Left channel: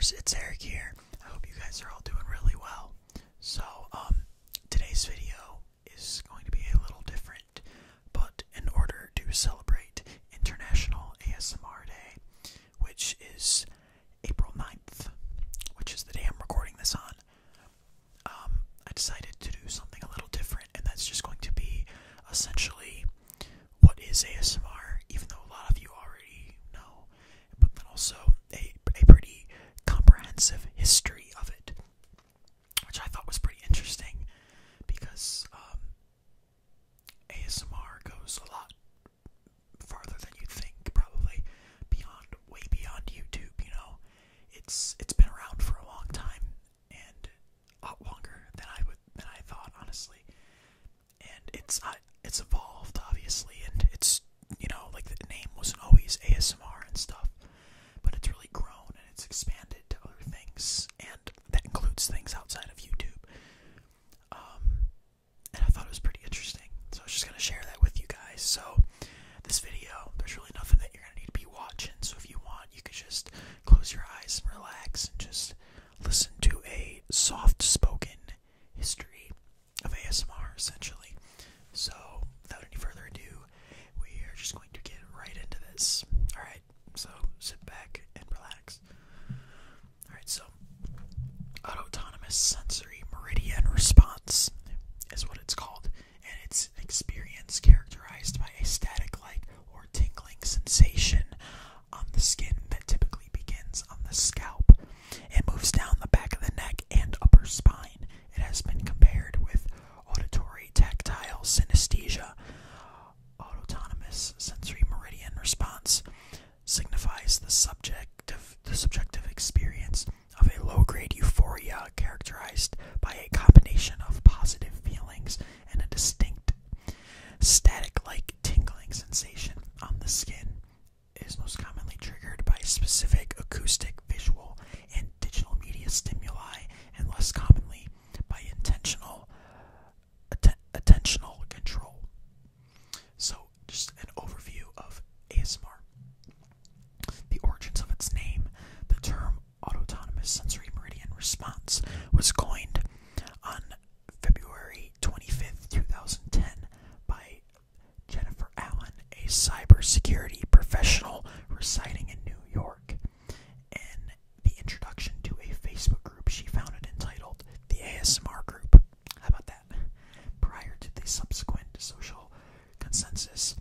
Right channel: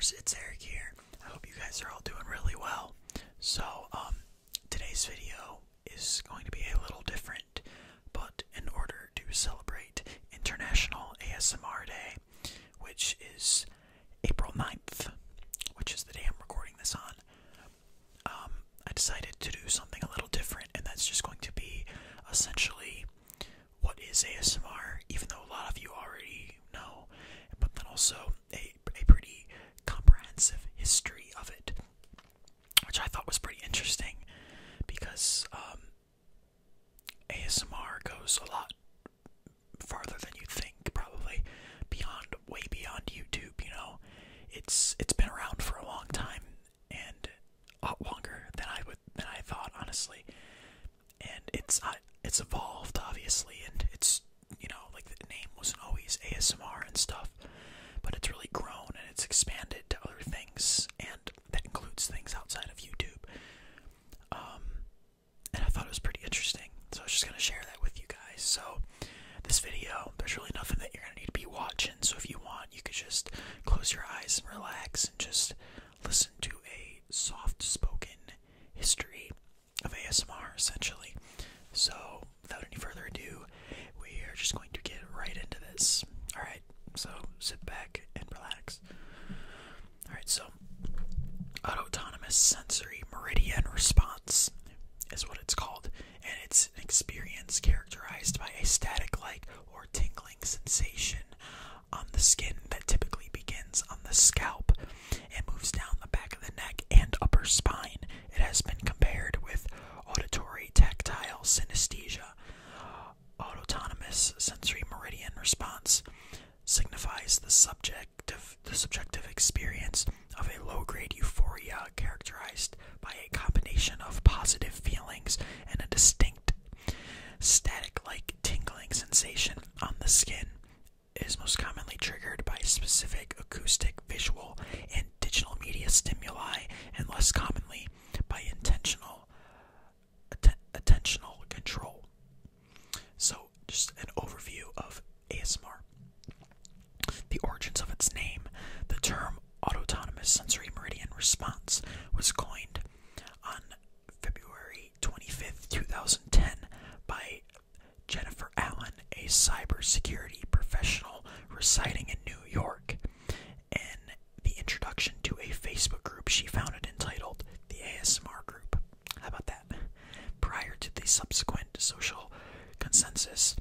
listeners, it's Erik here. I hope you guys are all doing really well. So, today's video is going to be a little different, but in order to celebrate International ASMR Day, which is April 9th, which is the day I'm recording this on, I decided to do something a little different, and that's just going to be essentially what is ASMR, even though a lot of you already know, but then also a pretty comprehensive history of it, which I thought was pretty interesting, because ASMR goes a lot farther than you think, probably way beyond YouTube. You know, it's been around for a long time, and a lot longer than I thought, honestly. And it's evolved, obviously, and it's, you know, like, the name wasn't always ASMR and stuff, but it's really grown and it's expanded to other things, and that includes things outside of YouTube. And I thought it was pretty interesting, so I was just going to share that with you guys. So this video, there's really nothing that you're going to need to be watching, so if you want, you could just close your eyes and relax and just listen to a soft-spoken history of ASMR, essentially. So without any further ado, we are just going to get right into this. Alright, so sit back and relax. Alright, so autonomous sensory meridian response is what it's called, and it's an experience characterized by a static-like or tingling sensation on the skin that typically begins on the scalp and moves down the back of the neck and upper spine. It has been compared with auditory tactile synesthesia. Autonomous sensory meridian response signifies the subjective experience of a low-grade euphoria characterized by a combination of positive feelings and a distinct static-like tingling sensation on the skin. It is most commonly triggered by specific acoustic, visual, and digital media stimuli, and less commonly by attentional control. So, just an overview of ASMR. The origins of its name. The term autonomous sensory meridian response was coined on February 25th, 2010 by Jennifer Allen, a cybersecurity professional residing in New York, in the introduction to a Facebook group she founded entitled the ASMR Group. How about that? Prior to the subsequent social consensus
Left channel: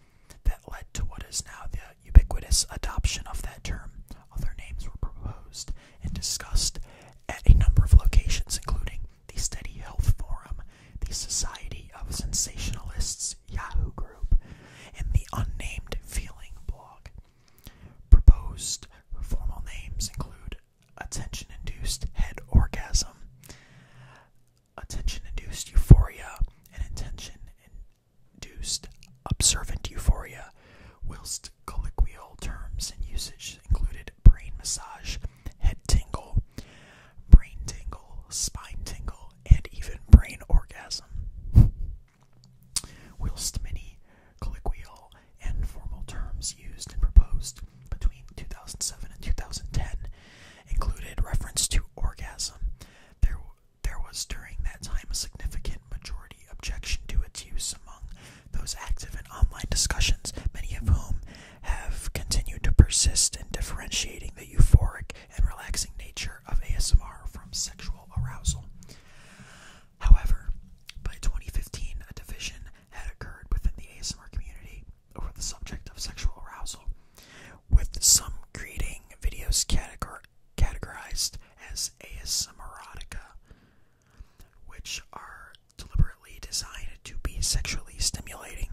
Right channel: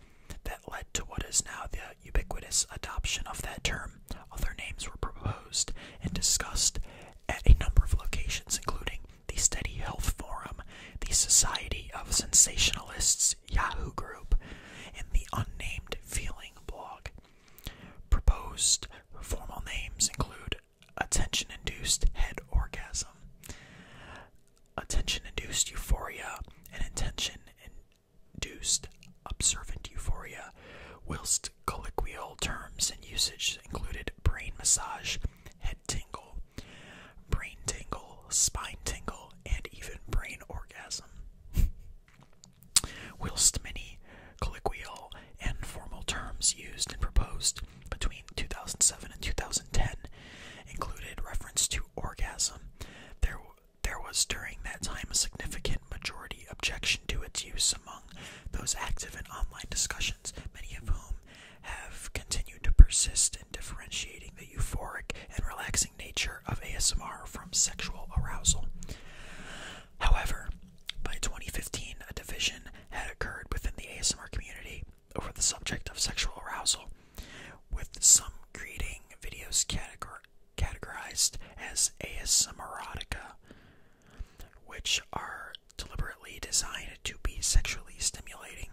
that led to what is now the ubiquitous adoption of that term, other names were proposed and discussed at a number of locations, including the Steady Health Forum, the Society of Sensationalists Yahoo group, and the Unnamed Feeling blog. Proposed formal names include attention-induced head orgasm, attention-induced euphoria, and attention-induced observant euphoria, whilst colloquial terms and usage included brain massage, head tingle, brain tingle, spine tingle, and even brain orgasm. Whilst many colloquial and formal terms used and proposed between 2007 and 2010 included reference to orgasm, there was during that time a significant majority objection to its use among those active in online discussions, many of whom have continued to persist in differentiating the euphoric and relaxing nature of ASMR from sexual arousal. However, by 2015, a division had occurred within the ASMR community over the subject of sexual arousal, with some creating videos categorized as ASMRotica, which are deliberately designed to be sexually stimulating.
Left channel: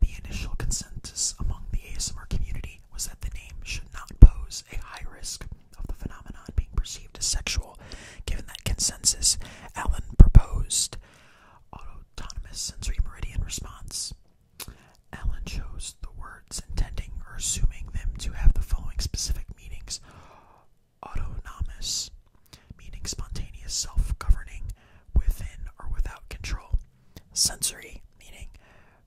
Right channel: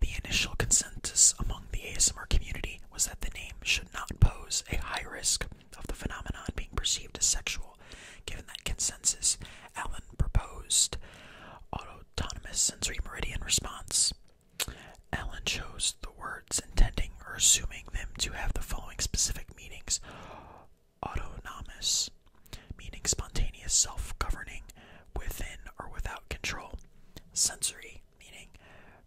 The initial consensus among the ASMR community was that the name should not pose a high risk of the phenomenon being perceived as sexual. Given that consensus, Allen proposed autonomous sensory meridian response. Allen chose the words intending or assuming them to have the following specific meanings: autonomous, meaning spontaneous, self-governing, within or without control; sensory, meaning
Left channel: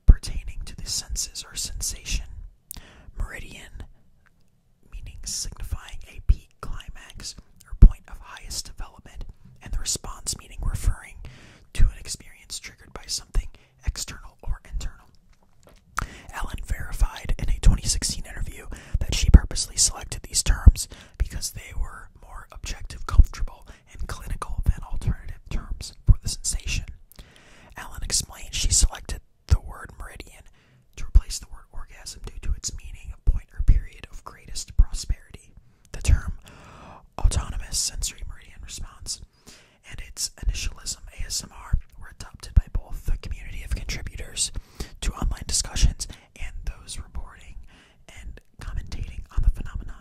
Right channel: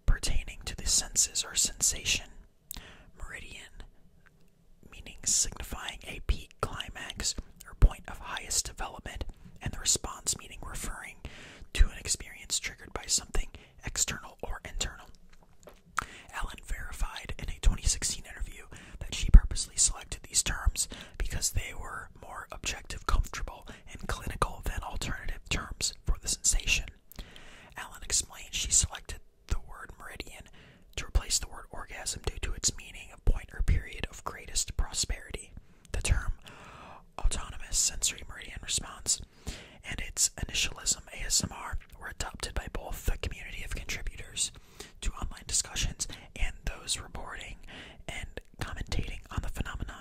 pertaining to the senses or sensation; meridian, meaning signifying a peak climax awareness development, and the response meaning referring to an experience triggered by something external or internal. Ellen verified in a 2016 interview that she purposely selected these terms because they were more objective, comfortable, and clinical than alternative terms for the sensation. Ellen explained she selected the word meridian to replace the word orgasm due to its meaning of point or period of greatest prosperity. The term autonomous sensory meridian response and its initialism ASMR were adopted by both the community of contributors to online discussions and those reporting and commentating on the phenomenon.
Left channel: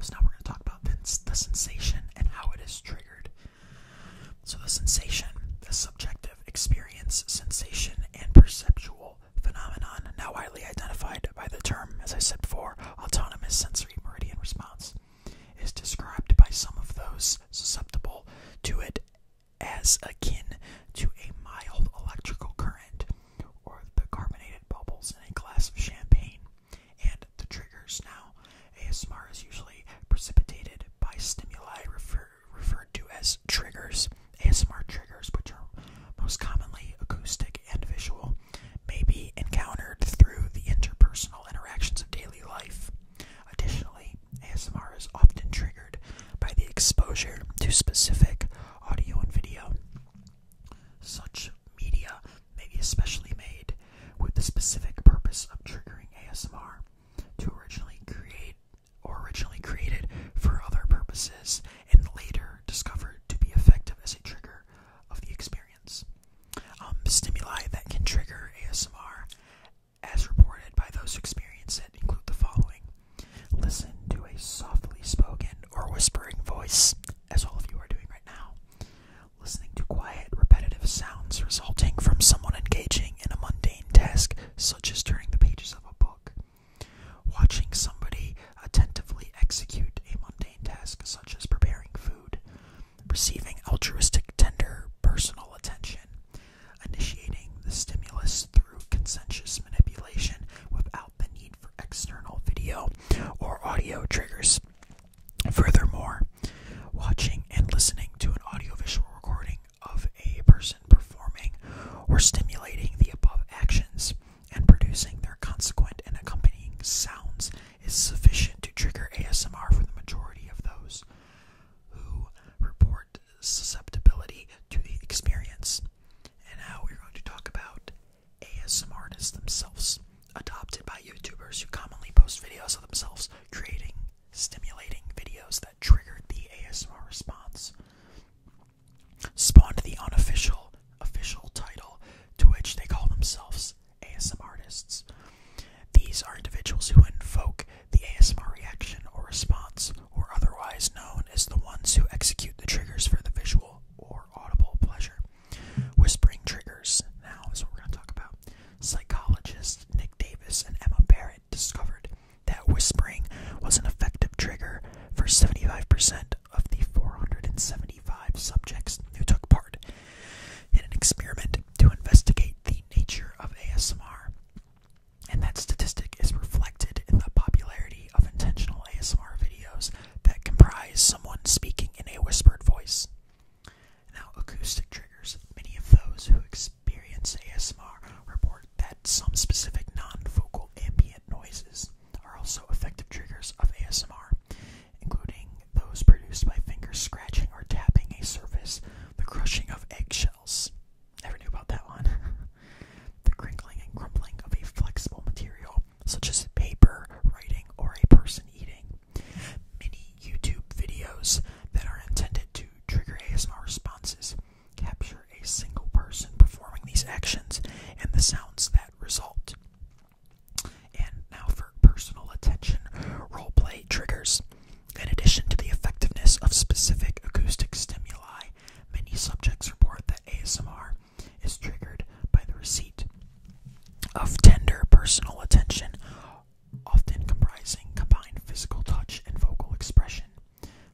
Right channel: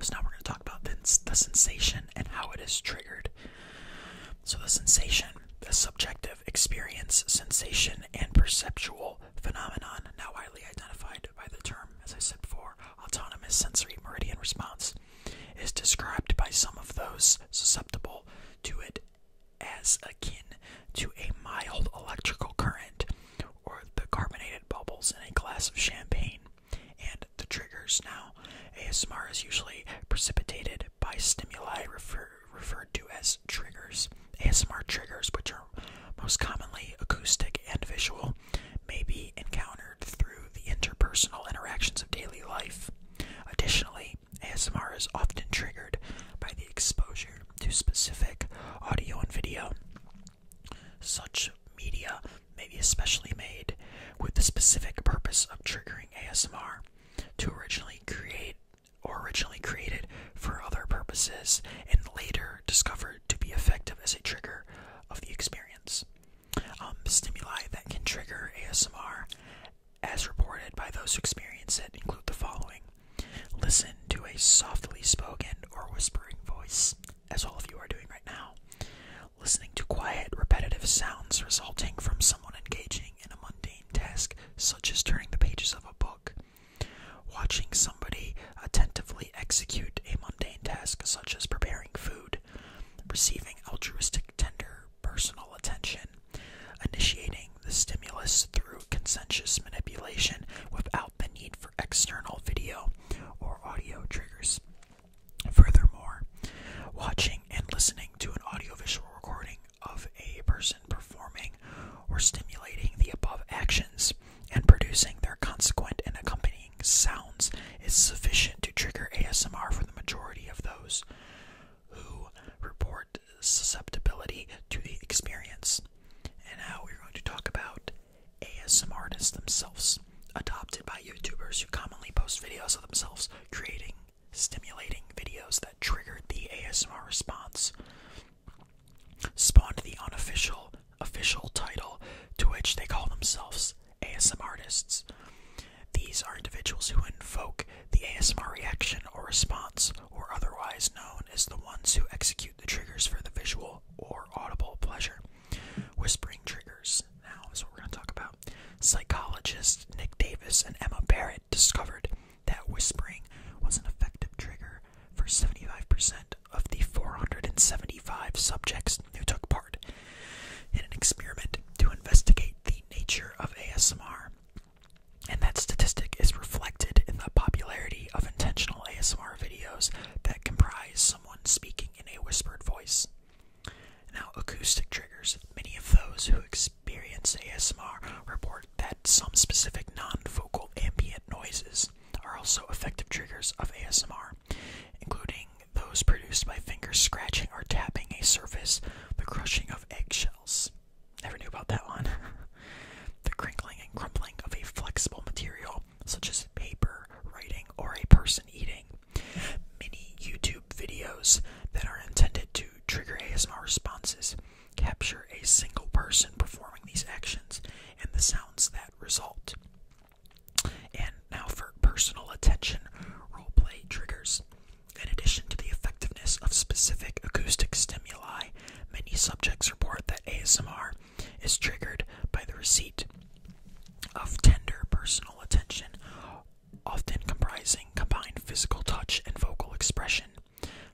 So now we're going to talk about the sensation and how it is triggered. So the sensation, the subjective experience, sensation, and perceptual phenomenon, now widely identified by the term, as I said before, autonomous sensory meridian response, is described by some of those susceptible to it as akin to a mild electrical current or the carbonated bubbles in a glass of champagne. And the triggers now, ASMR is usually precipitated by stimuli referred to as triggers. ASMR triggers, which are most commonly acoustic and visual, may be encountered through the interpersonal interactions of daily life. Additionally, ASMR is often triggered by the exposure to specific audio and video. Such media may be especially made with the specific purpose of triggering ASMR to originally created for other purposes and later discovered to be effective as a trigger of the experience. Stimuli that can trigger ASMR, as reported by those who experience it, include the following. Listen to a softly spoken or whispering voice, as all of you are doing right now. Listening to quiet, repetitive sounds resulting from someone engaging in a mundane task, such as turning the pages of a book. Watching somebody attentively execute a mundane task, such as preparing food. Receiving altruistic, tender, personal attention. Initiating the stimulus through consensuous manipulation without the need for external video or audio triggers. Furthermore, watching and listening to an audiovisual recording of a person performing or stimulating the above actions and producing their consequent and accompanying sounds is sufficient to trigger ASMR for the majority of those who report susceptibility to the experience. And now we're going to talk about ASMR artists themselves, adopted by YouTubers who commonly post videos of themselves creating stimulating videos that triggered the ASMR response. Spawned the unofficial title to which they call themselves ASMR artists. These are individuals who invoke the ASMR reaction or response, or otherwise known as the ones who execute the triggers for the visual or audible pleasure. Whispering triggers, now is what we're going to talk about. Psychologists Nick Davis and Emma Barrett discovered that whispering was an effective trigger for 75% of the 475 subjects who took part in an experiment to investigate the nature of ASMR. And that statistic is reflected in the popularity of intentional ASMR videos that comprise someone speaking in a whispered voice. Now, acoustic triggers. Many of those who experience ASMR report that some specific non-vocal ambient noises are also effective triggers of ASMR, including those produced by fingers scratching or tapping a surface, the crushing of eggshells. Never knew about that one. The crinkling and crumpling of a flexible material, such as paper, writing, or a person eating. Many YouTube videos that are intended to trigger ASMR responses capture a single person performing these actions and the sounds that result. And now for personal attention roleplay triggers. In addition to the effectiveness of specific acoustic stimuli, many subjects report that ASMR is triggered by the receipt of tender personal attention, often comprising combined physical touch and vocal expression,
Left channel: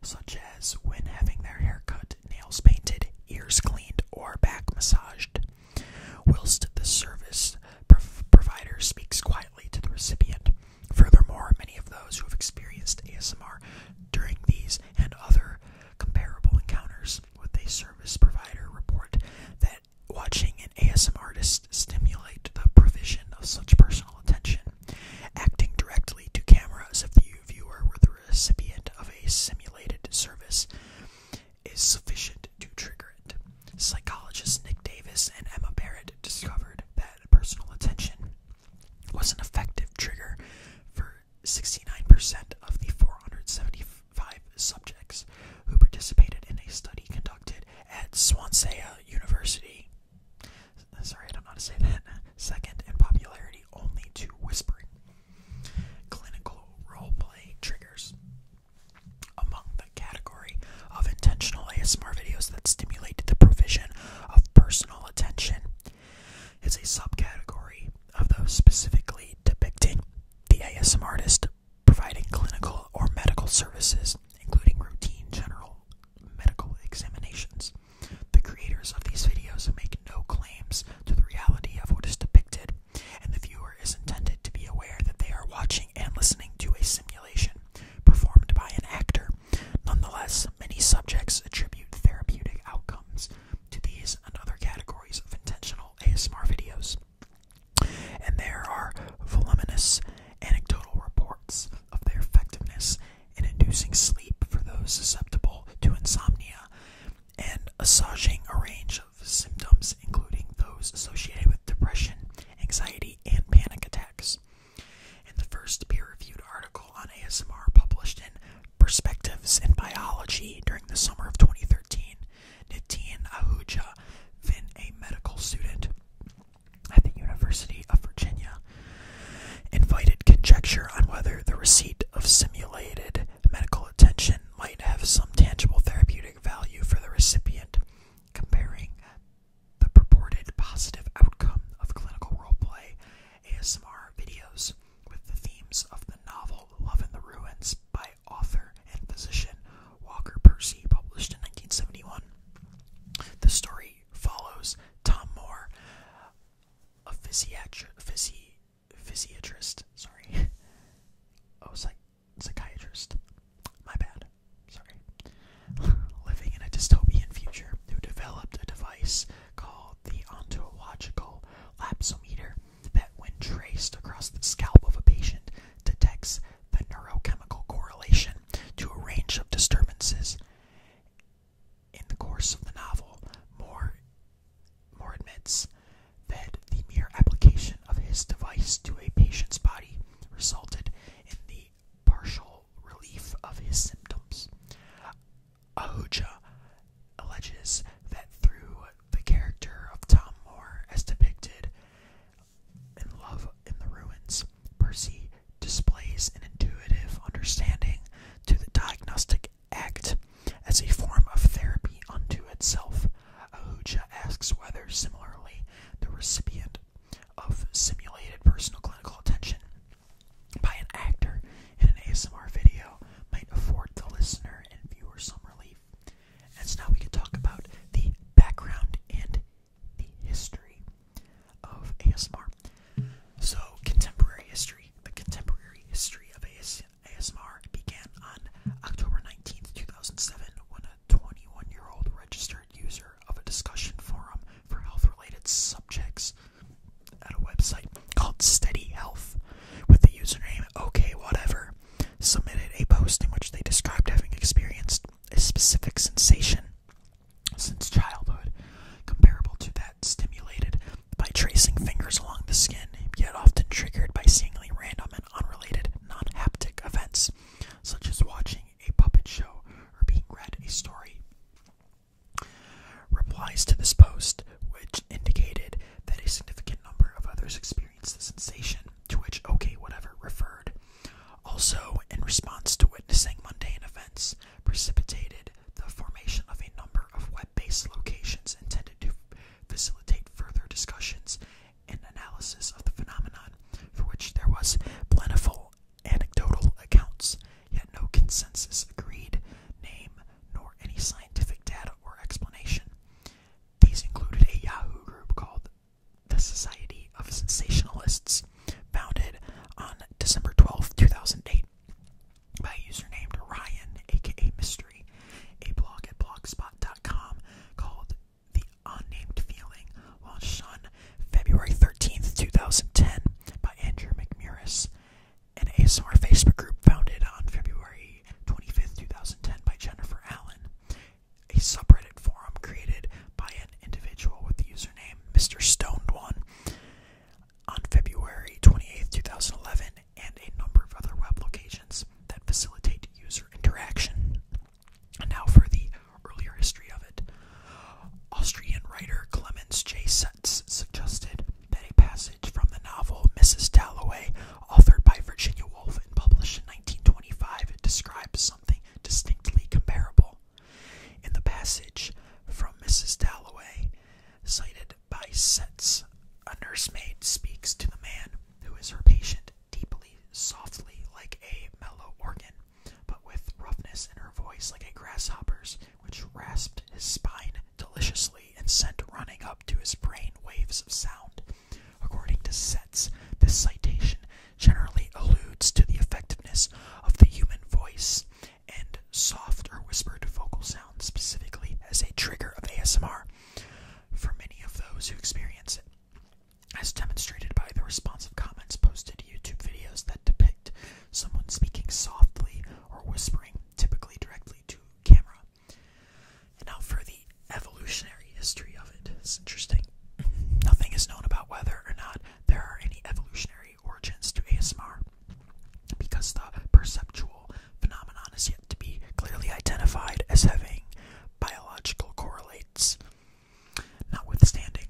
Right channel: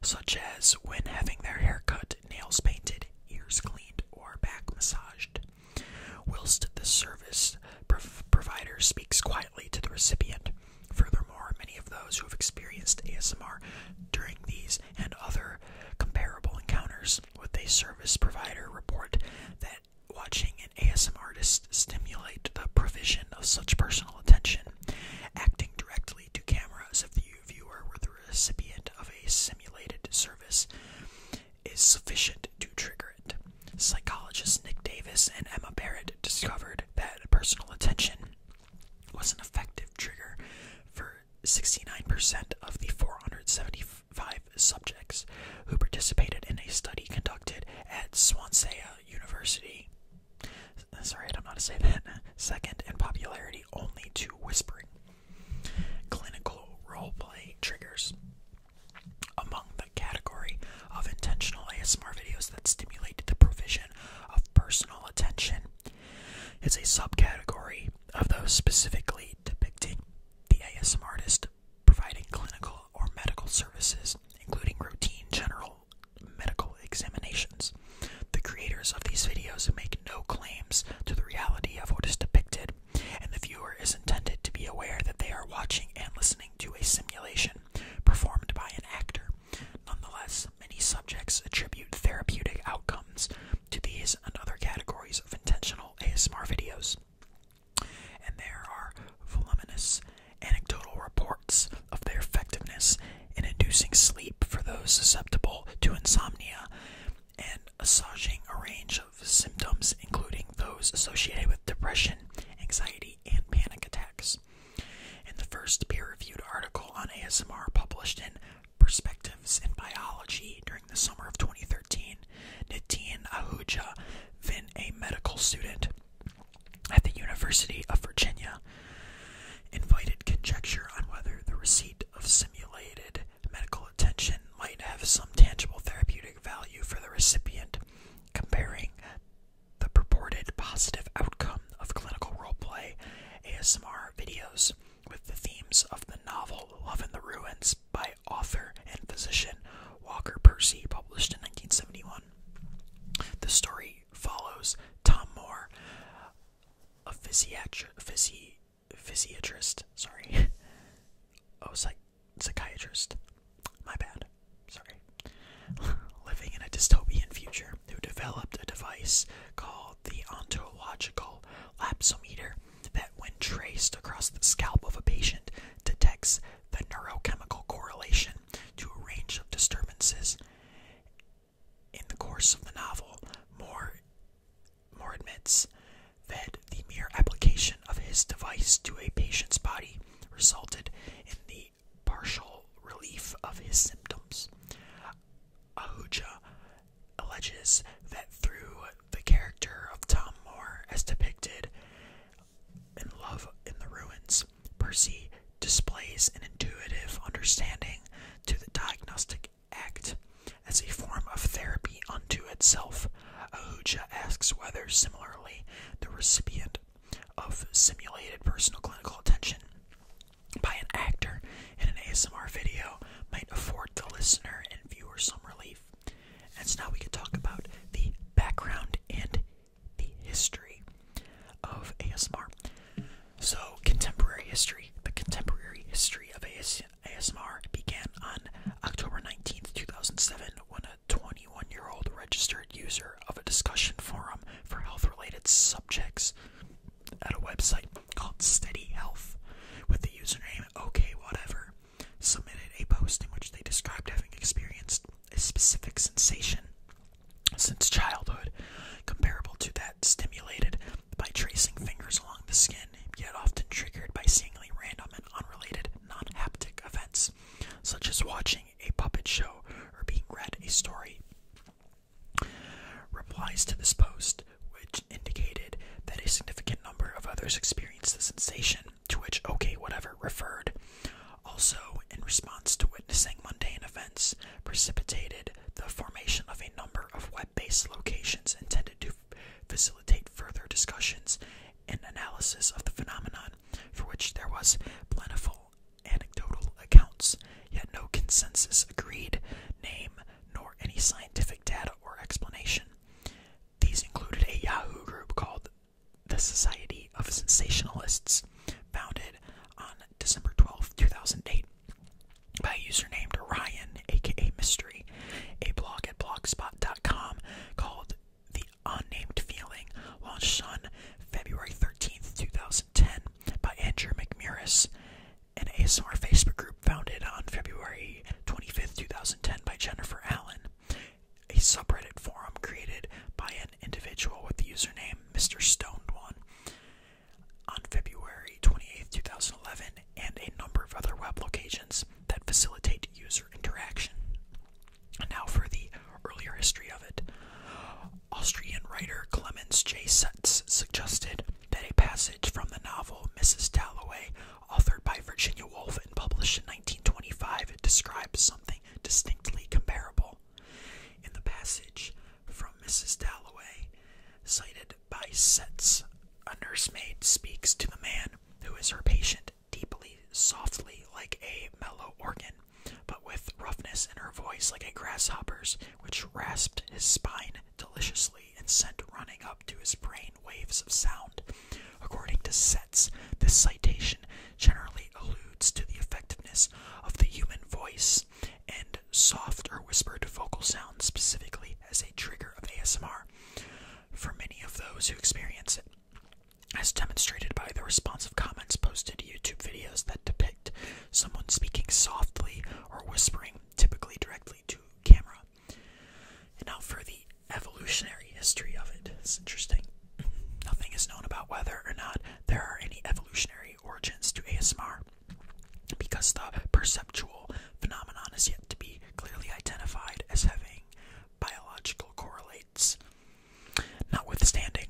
such as when having their hair cut, nails painted, ears cleaned, or back massaged, whilst the service provider speaks quietly to the recipient. Furthermore, many of those who have experienced ASMR during these and other service provider report that watching an ASMR artist stimulate the provision of such personal attention, acting directly to camera as if the viewer were the recipient of a simulated service, is sufficient to trigger it. Psychologists Nick Davis and Emma Barrett discovered that personal attention was an effective trigger for 69% of the 475 subjects who participated in a study conducted at Swansea University. Sorry, I don't know how to say that. Second in popularity only to whispering. Clinical roleplay triggers. Among the category of intentional ASMR videos that stimulate the provision of personal attention is a subcategory of those specifically depicting the ASMR artist providing clinical or medical services, including routine general medical examinations. The creators of these videos make no claims to the reality of what is depicted, and the viewer is intended to be aware that they are watching and listening to a simulation performed by an actor. Nonetheless, many subjects attribute therapeutic outcomes to these and other categories of intentional ASMR videos, and there are voluminous anecdotal reports of their effectiveness in inducing sleep for those susceptible to insomnia and assuaging a range of symptoms, including those associated with depression, anxiety, and panic attacks. In the first peer-reviewed article on ASMR published in Perspectives in Biology during the summer of 2013, Nitin Ahuja, then a medical student at the University of Virginia, invited conjecture on whether the receipt of simulated medical attention might have some tangible therapeutic value for the recipient, comparing the purported positive outcome of clinical roleplay ASMR videos with the themes of the novel Love in the Ruins by author and physician Walker Percy, published in 1971. The story follows Tom Moore, a physiatrist, psychiatrist, my bad, living in a dystopian future, who developed a device called the ontological lapsometer that, when traced across the scalp of a patient, detects the neurochemical correlation to a range of disturbances. In the course of the novel, Moore admits that the mere application of his device to a patient's body resulted in the partial relief of his symptoms. Ahuja alleges that through the character of Tom Moore as depicted in Love in the Ruins, Percy displays an intuitive understanding to the diagnostic act as a form of therapy unto itself. Ahuja asks whether, similarly, the recipient of simulated personal clinical attention by an actor in an ASMR video might afford the listener and viewer some relief. And so now we can talk about the background and the history of ASMR. So, contemporary history. The contemporary history of ASMR began on October 19th, 2007, when a 21-year-old registered user of a discussion forum for health-related subjects at a website called Steady Health, with the username OKWhatever, submitted a post in which they described having experienced a specific sensation since childhood, comparable to that stimulated by tracing fingers along the skin, yet often triggered by seemingly random and unrelated non-haptic events, such as watching a puppet show or being read a story. Replies to this post, which indicated that a significant number of others experienced the sensation to which OKWhatever referred, also in response to witnessing mundane events, precipitated the formation of a number of web-based locations intended to facilitate further discussions and analysis of the phenomenon, for which there was plentiful anecdotal accounts, yet no consensus agreed name nor any scientific data or explanation. These included a Yahoo group called the Society of Sensationalists, founded on December 12, 2008, by a user named Ryan, aka Mystery, a blog at blogspot.com ASMR Facebook group founded on February 25th, 2010 by Jennifer Allen, a subreddit forum created by an individual with the username Mr. Stoned One on February 28th, 2011, and a number of other web locations that facilitate user interaction. And now for the earlier history of it. Austrian writer Clemens J. Setz suggested that a passage from the novel Mrs. Dalloway, authored by Virginia Woolf and published in 1925, describes something distinctly comparable. In the passage from Mrs. Dalloway, cited by Setz, a nursemaid speaks to the man who is her patient deeply, softly, like a mellow organ, but with roughness in her voice like a grasshopper's, which rasped his spine deliciously and sent running up to his brain waves of sound. According to Setz, this citation generally alludes to the effectiveness of the human voice and soft or whispered vocal sound specifically as a trigger of ASMR for many of those who experience it, as demonstrated by the responsive comments posted to YouTube videos that depict someone speaking softly or whispering, typically directly to camera. And now for the evolutionary history of it. It's interesting. Nothing is known about whether or not there are any evolutionary origins to ASMR, because the perceptual phenomenon is yet to be clearly identified as having biological correlates. Notwithstanding,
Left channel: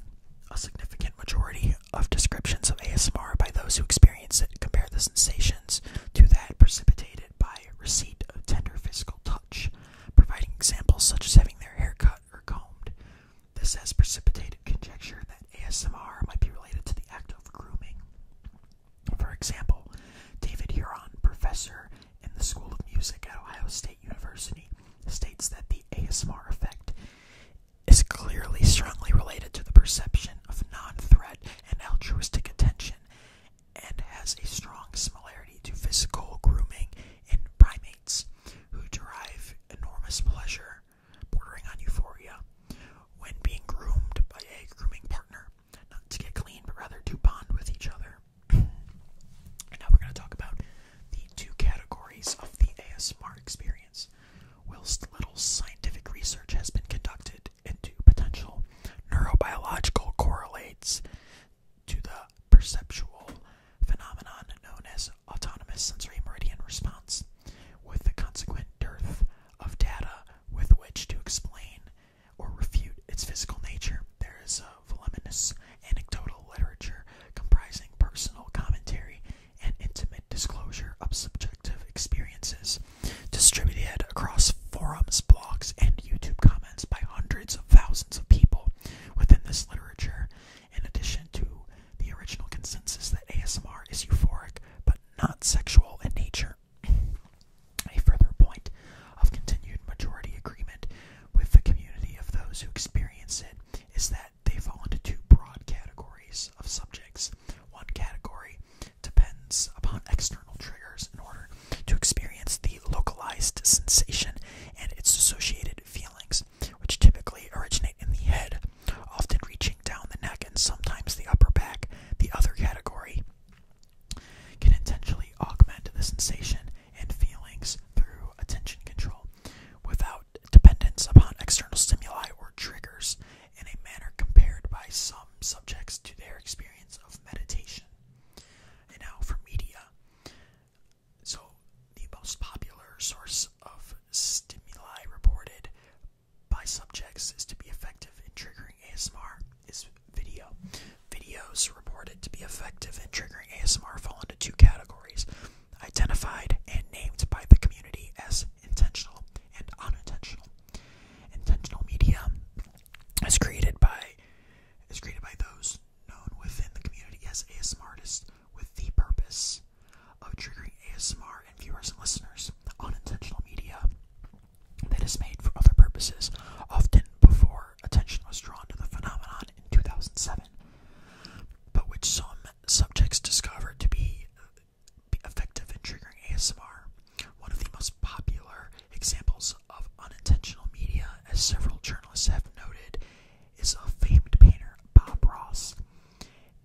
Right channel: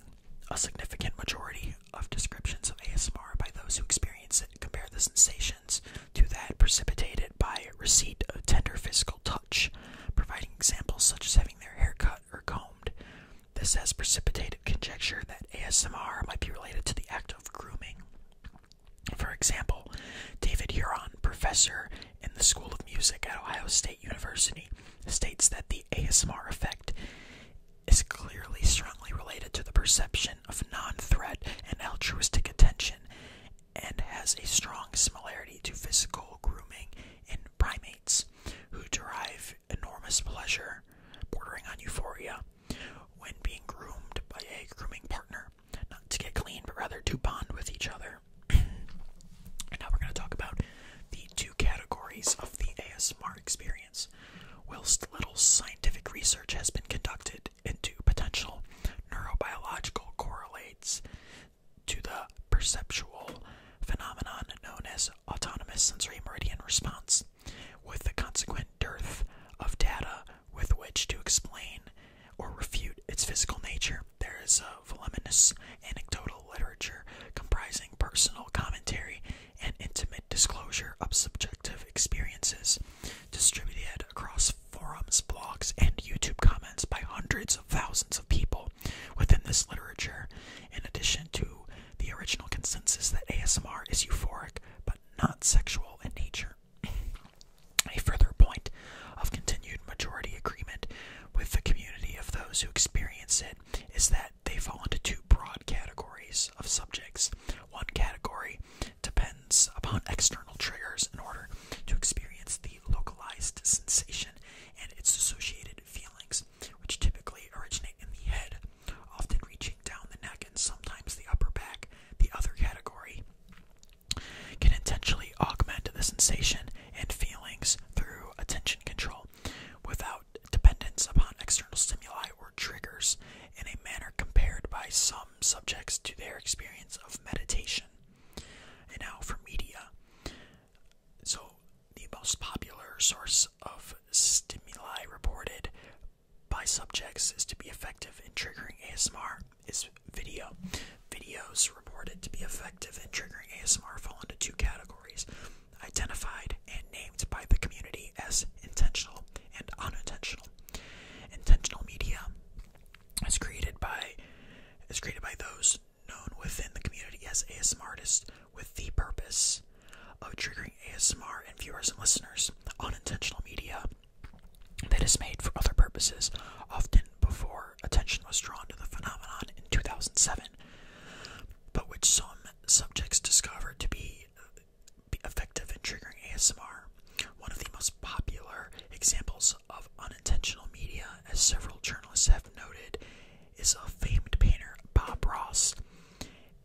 a significant majority of descriptions of ASMR by those who experience it compare the sensations to that precipitated by receipt of tender physical touch, providing examples such as having their hair cut or combed. This has precipitated conjecture that ASMR might be related to the act of grooming. For example, David Huron, professor in the School of Music at Ohio State University, states that the ASMR effect is clearly strongly related to the perception of non-threat and altruistic attention, and has a strong similarity to physical grooming in primates, who derive enormous pleasure, bordering on euphoria, when being groomed by a grooming partner, not to get clean, but rather to bond with each other. And now we're going to talk about the two categories of the ASMR experience. Whilst little scientific research has been conducted into potential neurobiological correlates to the perceptual phenomenon known as autonomous sensory meridian response, with the consequent dearth of data with which to explain or refute its physical nature, there is a voluminous anecdotal literature comprising personal commentary and intimate disclosure of subjective experiences, distributed across forums, blogs, and YouTube comments by hundreds of thousands of people within this literature, in addition to the original consensus that ASMR is euphoric but not sexual in nature. A further point of continued majority agreement with the community of those who experience it is that they fall into two broad categories of subjects. One category depends upon external triggers in order to experience the localized sensation and its associated feelings, which typically originate in the head, often reaching down the neck and sometimes the upper back. The other category can intentionally augment the sensation and feelings through attention control, without dependence upon external stimuli or triggers, in a manner compared by some subjects to their experience of meditation. And now for media. So, the most popular source of stimuli reported by subjects is to be effective in triggering ASMR is video. Videos reported to be effective in triggering ASMR fall into two categories, identified and named by the community as intentional and unintentional. Intentional media is created by those known within the community as ASMR artists with the purpose of triggering ASMR in viewers and listeners. Unintentional media that is made for other purposes, often before attention was drawn to the phenomenon in 2007, but which some subjects discovered to be effective in triggering ASMR. One of the most popular examples of unintentional media, as several journalists have noted, is a famed painter, Bob Ross,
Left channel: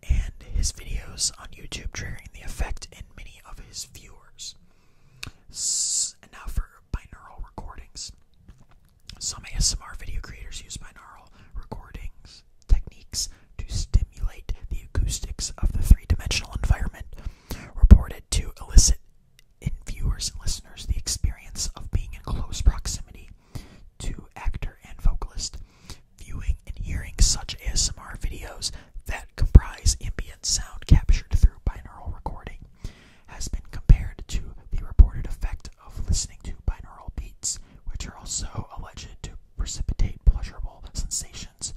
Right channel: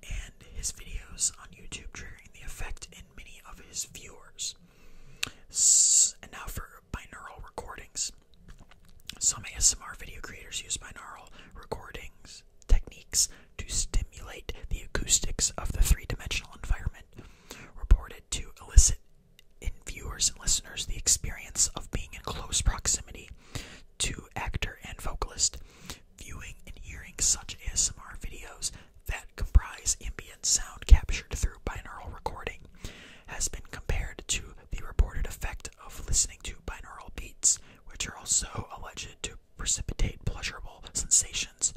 and his videos on YouTube triggering the effect in many of his viewers. ASMR video creators use binaural recordings techniques to stimulate the acoustics of the three-dimensional environment, reported to elicit in viewers and listeners the experience of being in close proximity to actor and vocalist. Viewing and hearing such ASMR videos that comprise ambient sound captured through binaural recording has been compared to the reported effect of listening to binaural beats, which are also alleged to precipitate pleasurable sensations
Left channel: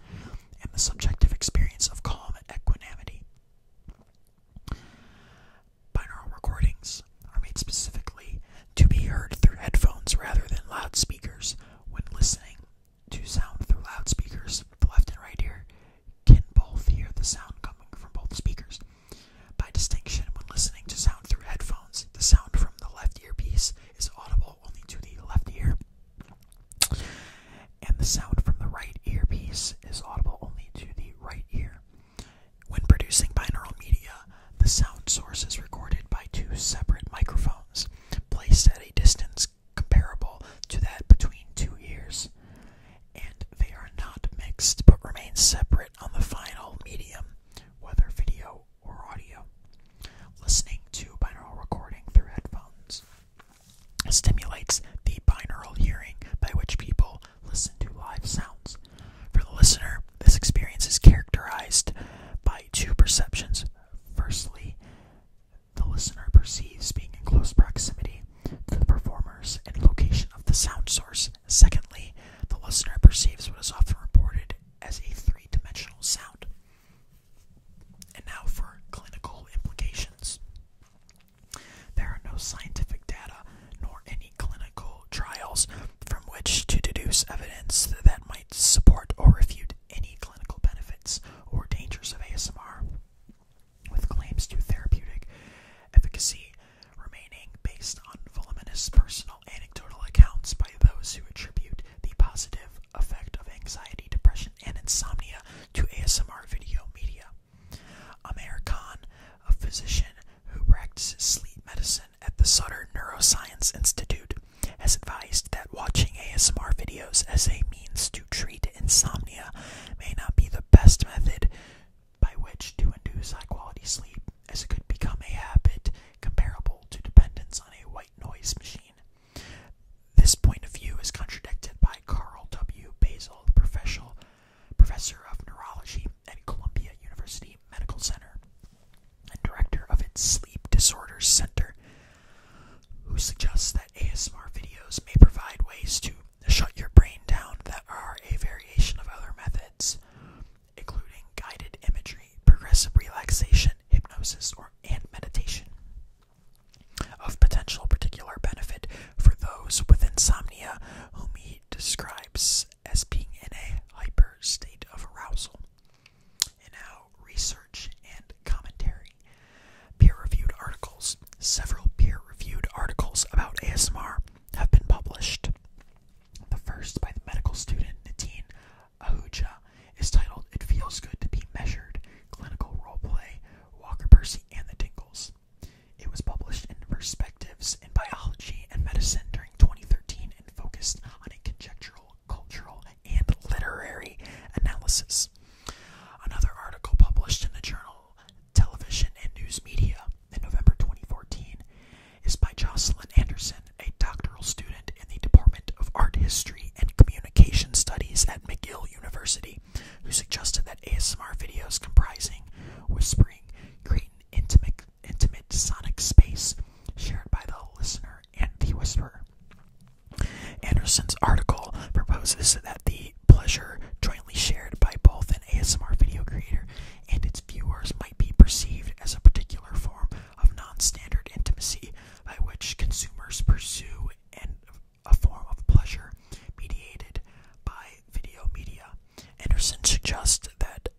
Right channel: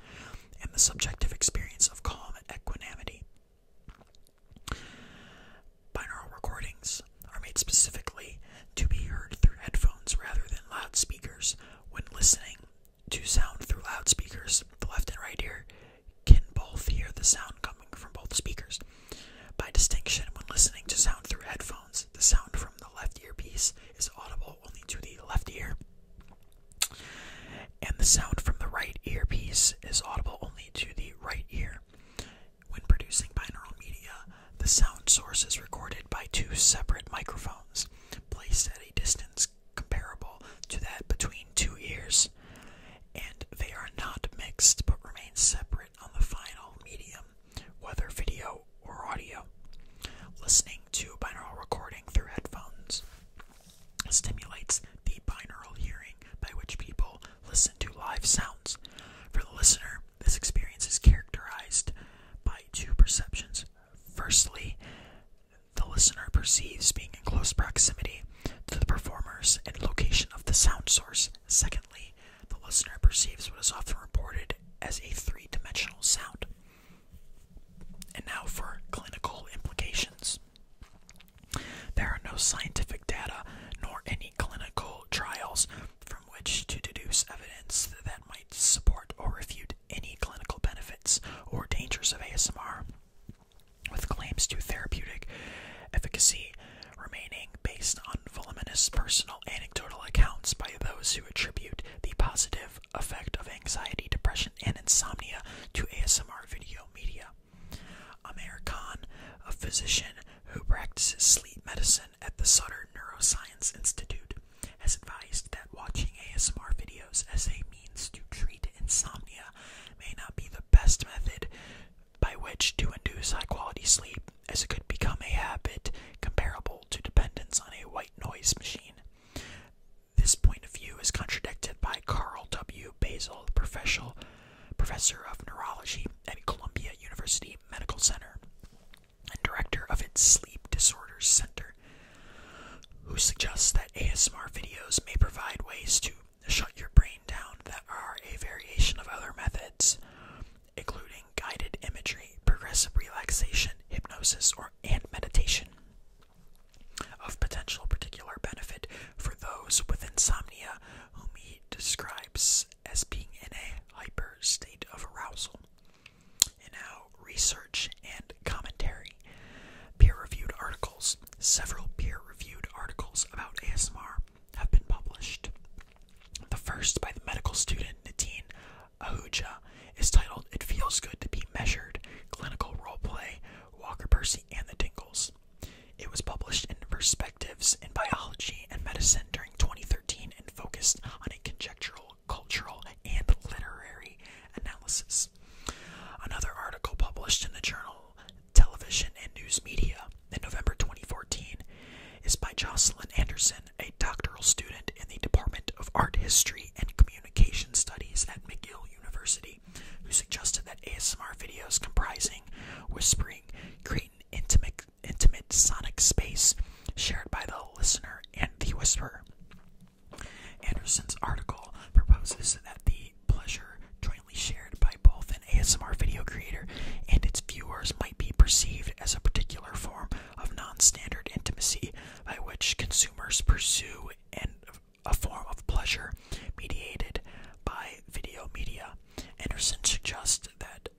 and the subjective experience of calm equanimity. Binaural recordings are made specifically to be heard through headphones rather than loudspeakers. When listening to sound through loudspeakers, the left and right ear can both hear the sound coming from both speakers. By distinction, when listening to sound through headphones, the sound from the left earpiece is audible only to the left ear, and the sound from the right earpiece is audible only to the right ear. When producing binaural media, the sound source is recorded by two separate microphones, placed at a distance comparable to that between two ears, and they are not mixed but remain separate on the final medium, whether video or audio. Listening to binaural recording through headphones stimulates the binaural hearing by which people listen to live sounds. For the listener, this experience is characterized by two perceptions. Firstly, the listener perceives being in close proximity to the performers and location of the sound source. Secondly, the listener perceives what is often reported as a three-dimensional sound. And now for clinical implications. There are no scientific data nor any clinical trials from which to deduce evidence that might support or refute any clinical benefits or dangers of ASMR, with claims to therapeutic efficacy remaining based on voluminous personal anecdotal accounts by those who attribute the positive effect of anxiety, depression, and insomnia to ASMR video media. Amir Khan, a physician who practices sleep medicine at the Sutter Neuroscience Institute, has advised that watching ASMR videos as a means to treat insomnia may not be the best method by which to induce high-quality sleep, as it could become a habit comparable to dependence on a white noise machine. This point of view is contradicted by Carl W. Basil, professor of neurology at Columbia University Medical Center and director of its Sleep Disorders Center, who suggests that ASMR videos may provide ways to shut your brain down that are a variation of other methods, including guided imagery, progressive relaxation, hypnosis, and meditation. Of potential particular benefit for those with insomnia, whom he describes as being in a hyper state of arousal. And now, research and commentary. Peer-reviewed articles. Several peer-reviewed articles about ASMR have been published. The first, by the medical student Nitin Ahuja, is titled "It Feels Good to Be Measured: Clinical Roleplay, Walker Percy and the Dingles." It was published in Perspectives in Biology and Medicine during 2013 and focused on a conjectural, cultural, and literary analysis. Another article published in the journal Television and News Media in November 2014 is by Jocelyn Anderson, a doctoral student in the Department of Art History and Communication Studies at McGill University, who suggested that ASMR videos comprising whispering create an intimate sonic space shared by the listener and the whisperer. Anderson's article proposes that the pleasure jointly shared by both an ASMR video creator and its viewers might be perceived as a particular form of non-standard intimacy by which consumers pursue a form of pleasure mediated by video media. Anderson suggests that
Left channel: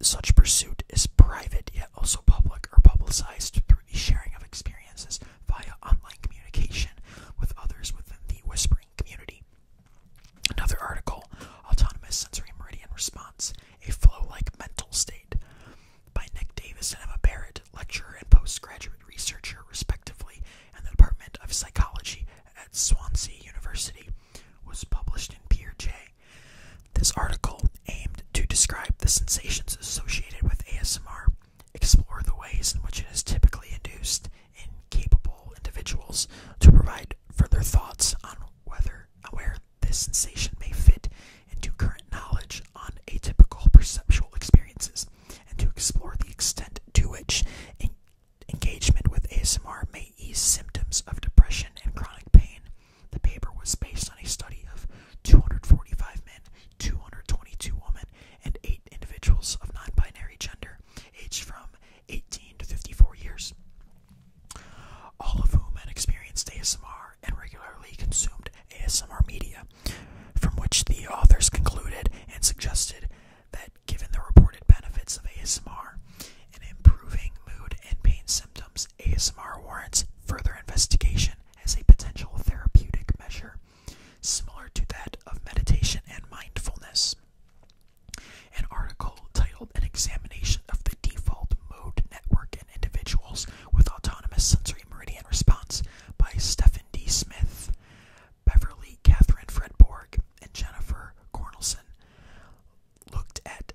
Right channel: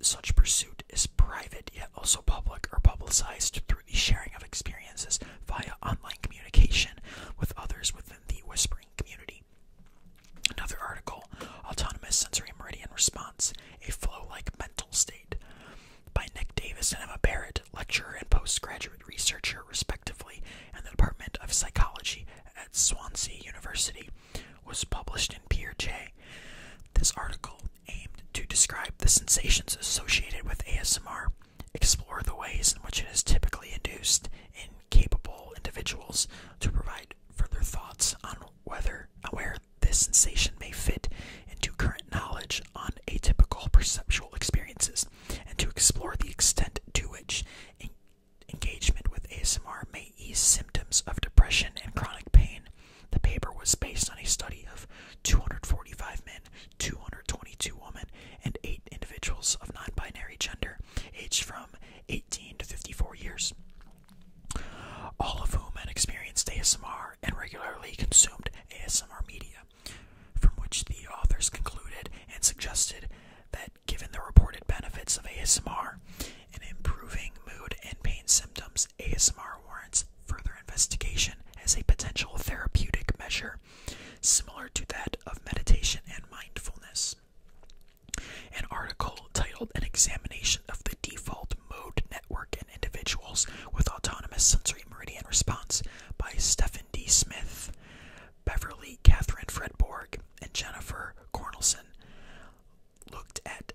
such pursuit is private yet also public or publicized through the sharing of experiences via online communication with others within the whispering community. Another article, Autonomous Sensory Meridian Response, a flow-like mental state, by Nick Davis and Emma Barrett, lecturer and postgraduate researcher respectively in the Department of Psychology at Swansea University, was published in PeerJ. This article aimed to describe the sensations associated with ASMR, explore the ways in which it is typically induced in capable individuals, to provide further thoughts on where this sensation may fit into current knowledge on atypical perceptual experiences, and to explore the extent to which engagement with ASMR may ease symptoms of depression and chronic pain. The paper was based on a study of 245 men, 222 women, and 8 individuals of non-binary gender, aged from 18 to 54 years, all of whom had experienced ASMR and regularly consumed ASMR media, from which the authors concluded and suggested that given the reported benefits of ASMR in improving mood and pain symptoms, ASMR warrants further investigation as a potential therapeutic measure, similar to that of meditation and mindfulness. An article titled An Examination of the Default Mode Network in Individuals with Autonomous Sensory Meridian Response by Stephen D. Smith, Beverly Catherine Fredborg, and Jennifer Cornelson looked at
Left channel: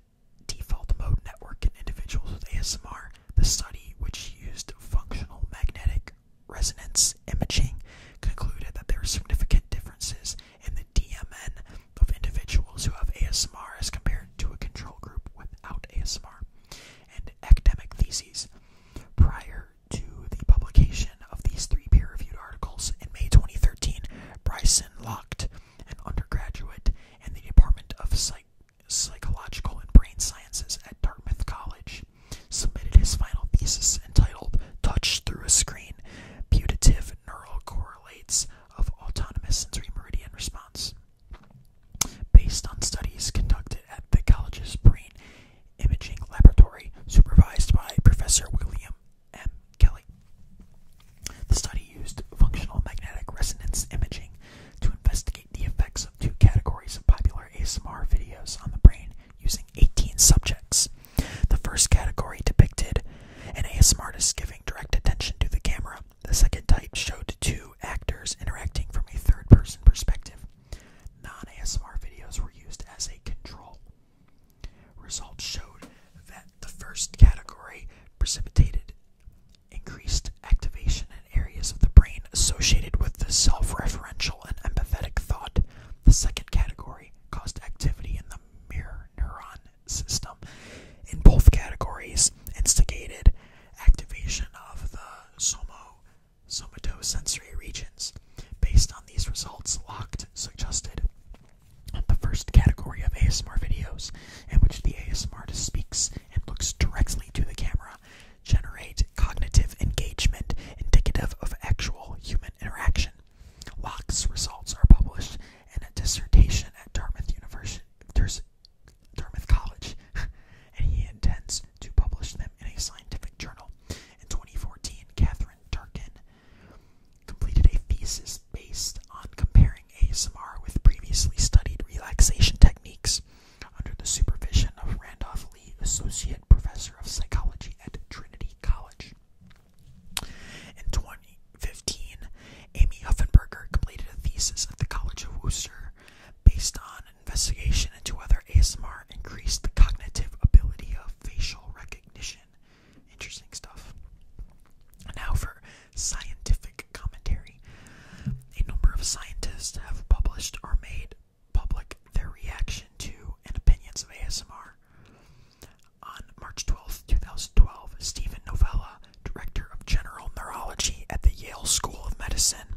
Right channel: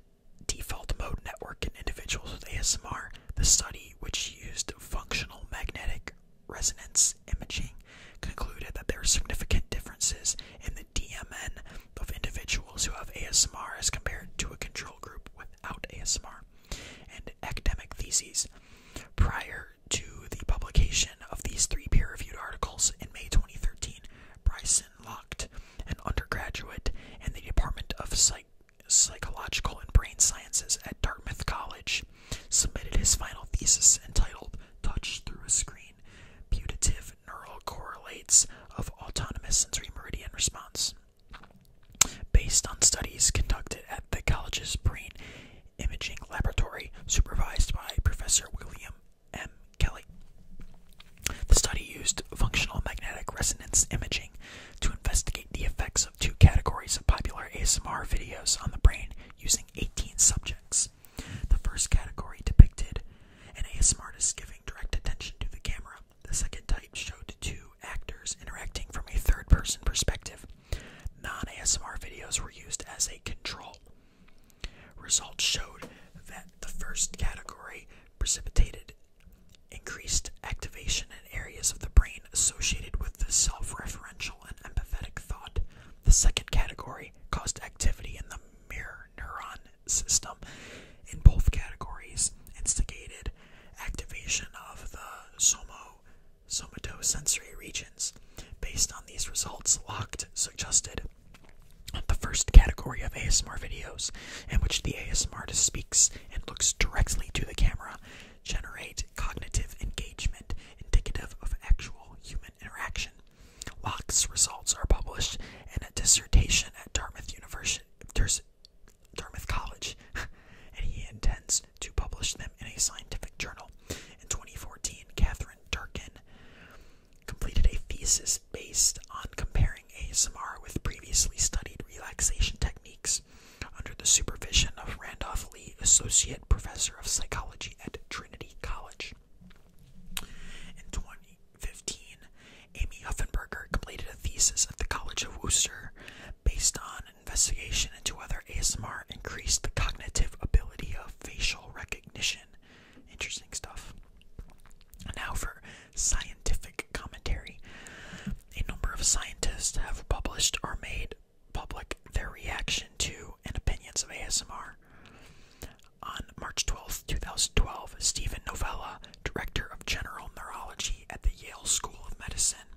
default mode network in individuals with ASMR. The study, which used functional magnetic resonance imaging, concluded that there are significant differences in the DMN of individuals who have ASMR as compared to a control group without ASMR, and academic theses. Prior to the publication of these 3 peer-reviewed articles in May 2013, Bryson Locht, an undergraduate in the Department of Psychological and Brain Sciences at Dartmouth College, submitted his final thesis entitled Touch Through a Screen, Putative Neural Correlates of Autonomous Sensory Meridian Response, based on studies conducted at the college's Brain Imaging Laboratory, supervised by Professor William M. Kelly. The study used functional magnetic resonance imaging to investigate the effects of 2 categories of popular ASMR videos on the brain using 18 subjects. The first category depicted an ASMR artist giving direct attention to the camera. The second type showed 2 actors interacting from a third-person perspective. Non-ASMR videos were used as a control. Results showed that the first category precipitated increased activation in areas of the brain associated with the self-referential and empathetic thought. The second category caused activity in the mirror neuron system. In both categories, instigated activation of the somatosensory regions. Based on these results, Locht suggested the first category of ASMR videos, in which the ASMR artist speaks and looks directly to the camera, generate cognitive engagement indicative of actual human interaction. Locht's results are published in a dissertation at Dartmouth College, and he intends to publish them in a scientific journal. In 2014, Catherine Durkin completed a thesis based on comparing ASMR with previously studied relaxation techniques under the supervision of Randolph Lee, Associate Professor of Psychology at Trinity College. In 2015, Amy Huffenberger completed a thesis at the College of Worcester based on an investigation into whether ASMR increased the cognitive ability of facial recognition. Interesting stuff. Now for scientific commentary. A number of scientists have published or made public their reaction to and opinions of ASMR. On March 12, 2012, Stephen Novella, Director of General Neurology at the Yale School of Medicine,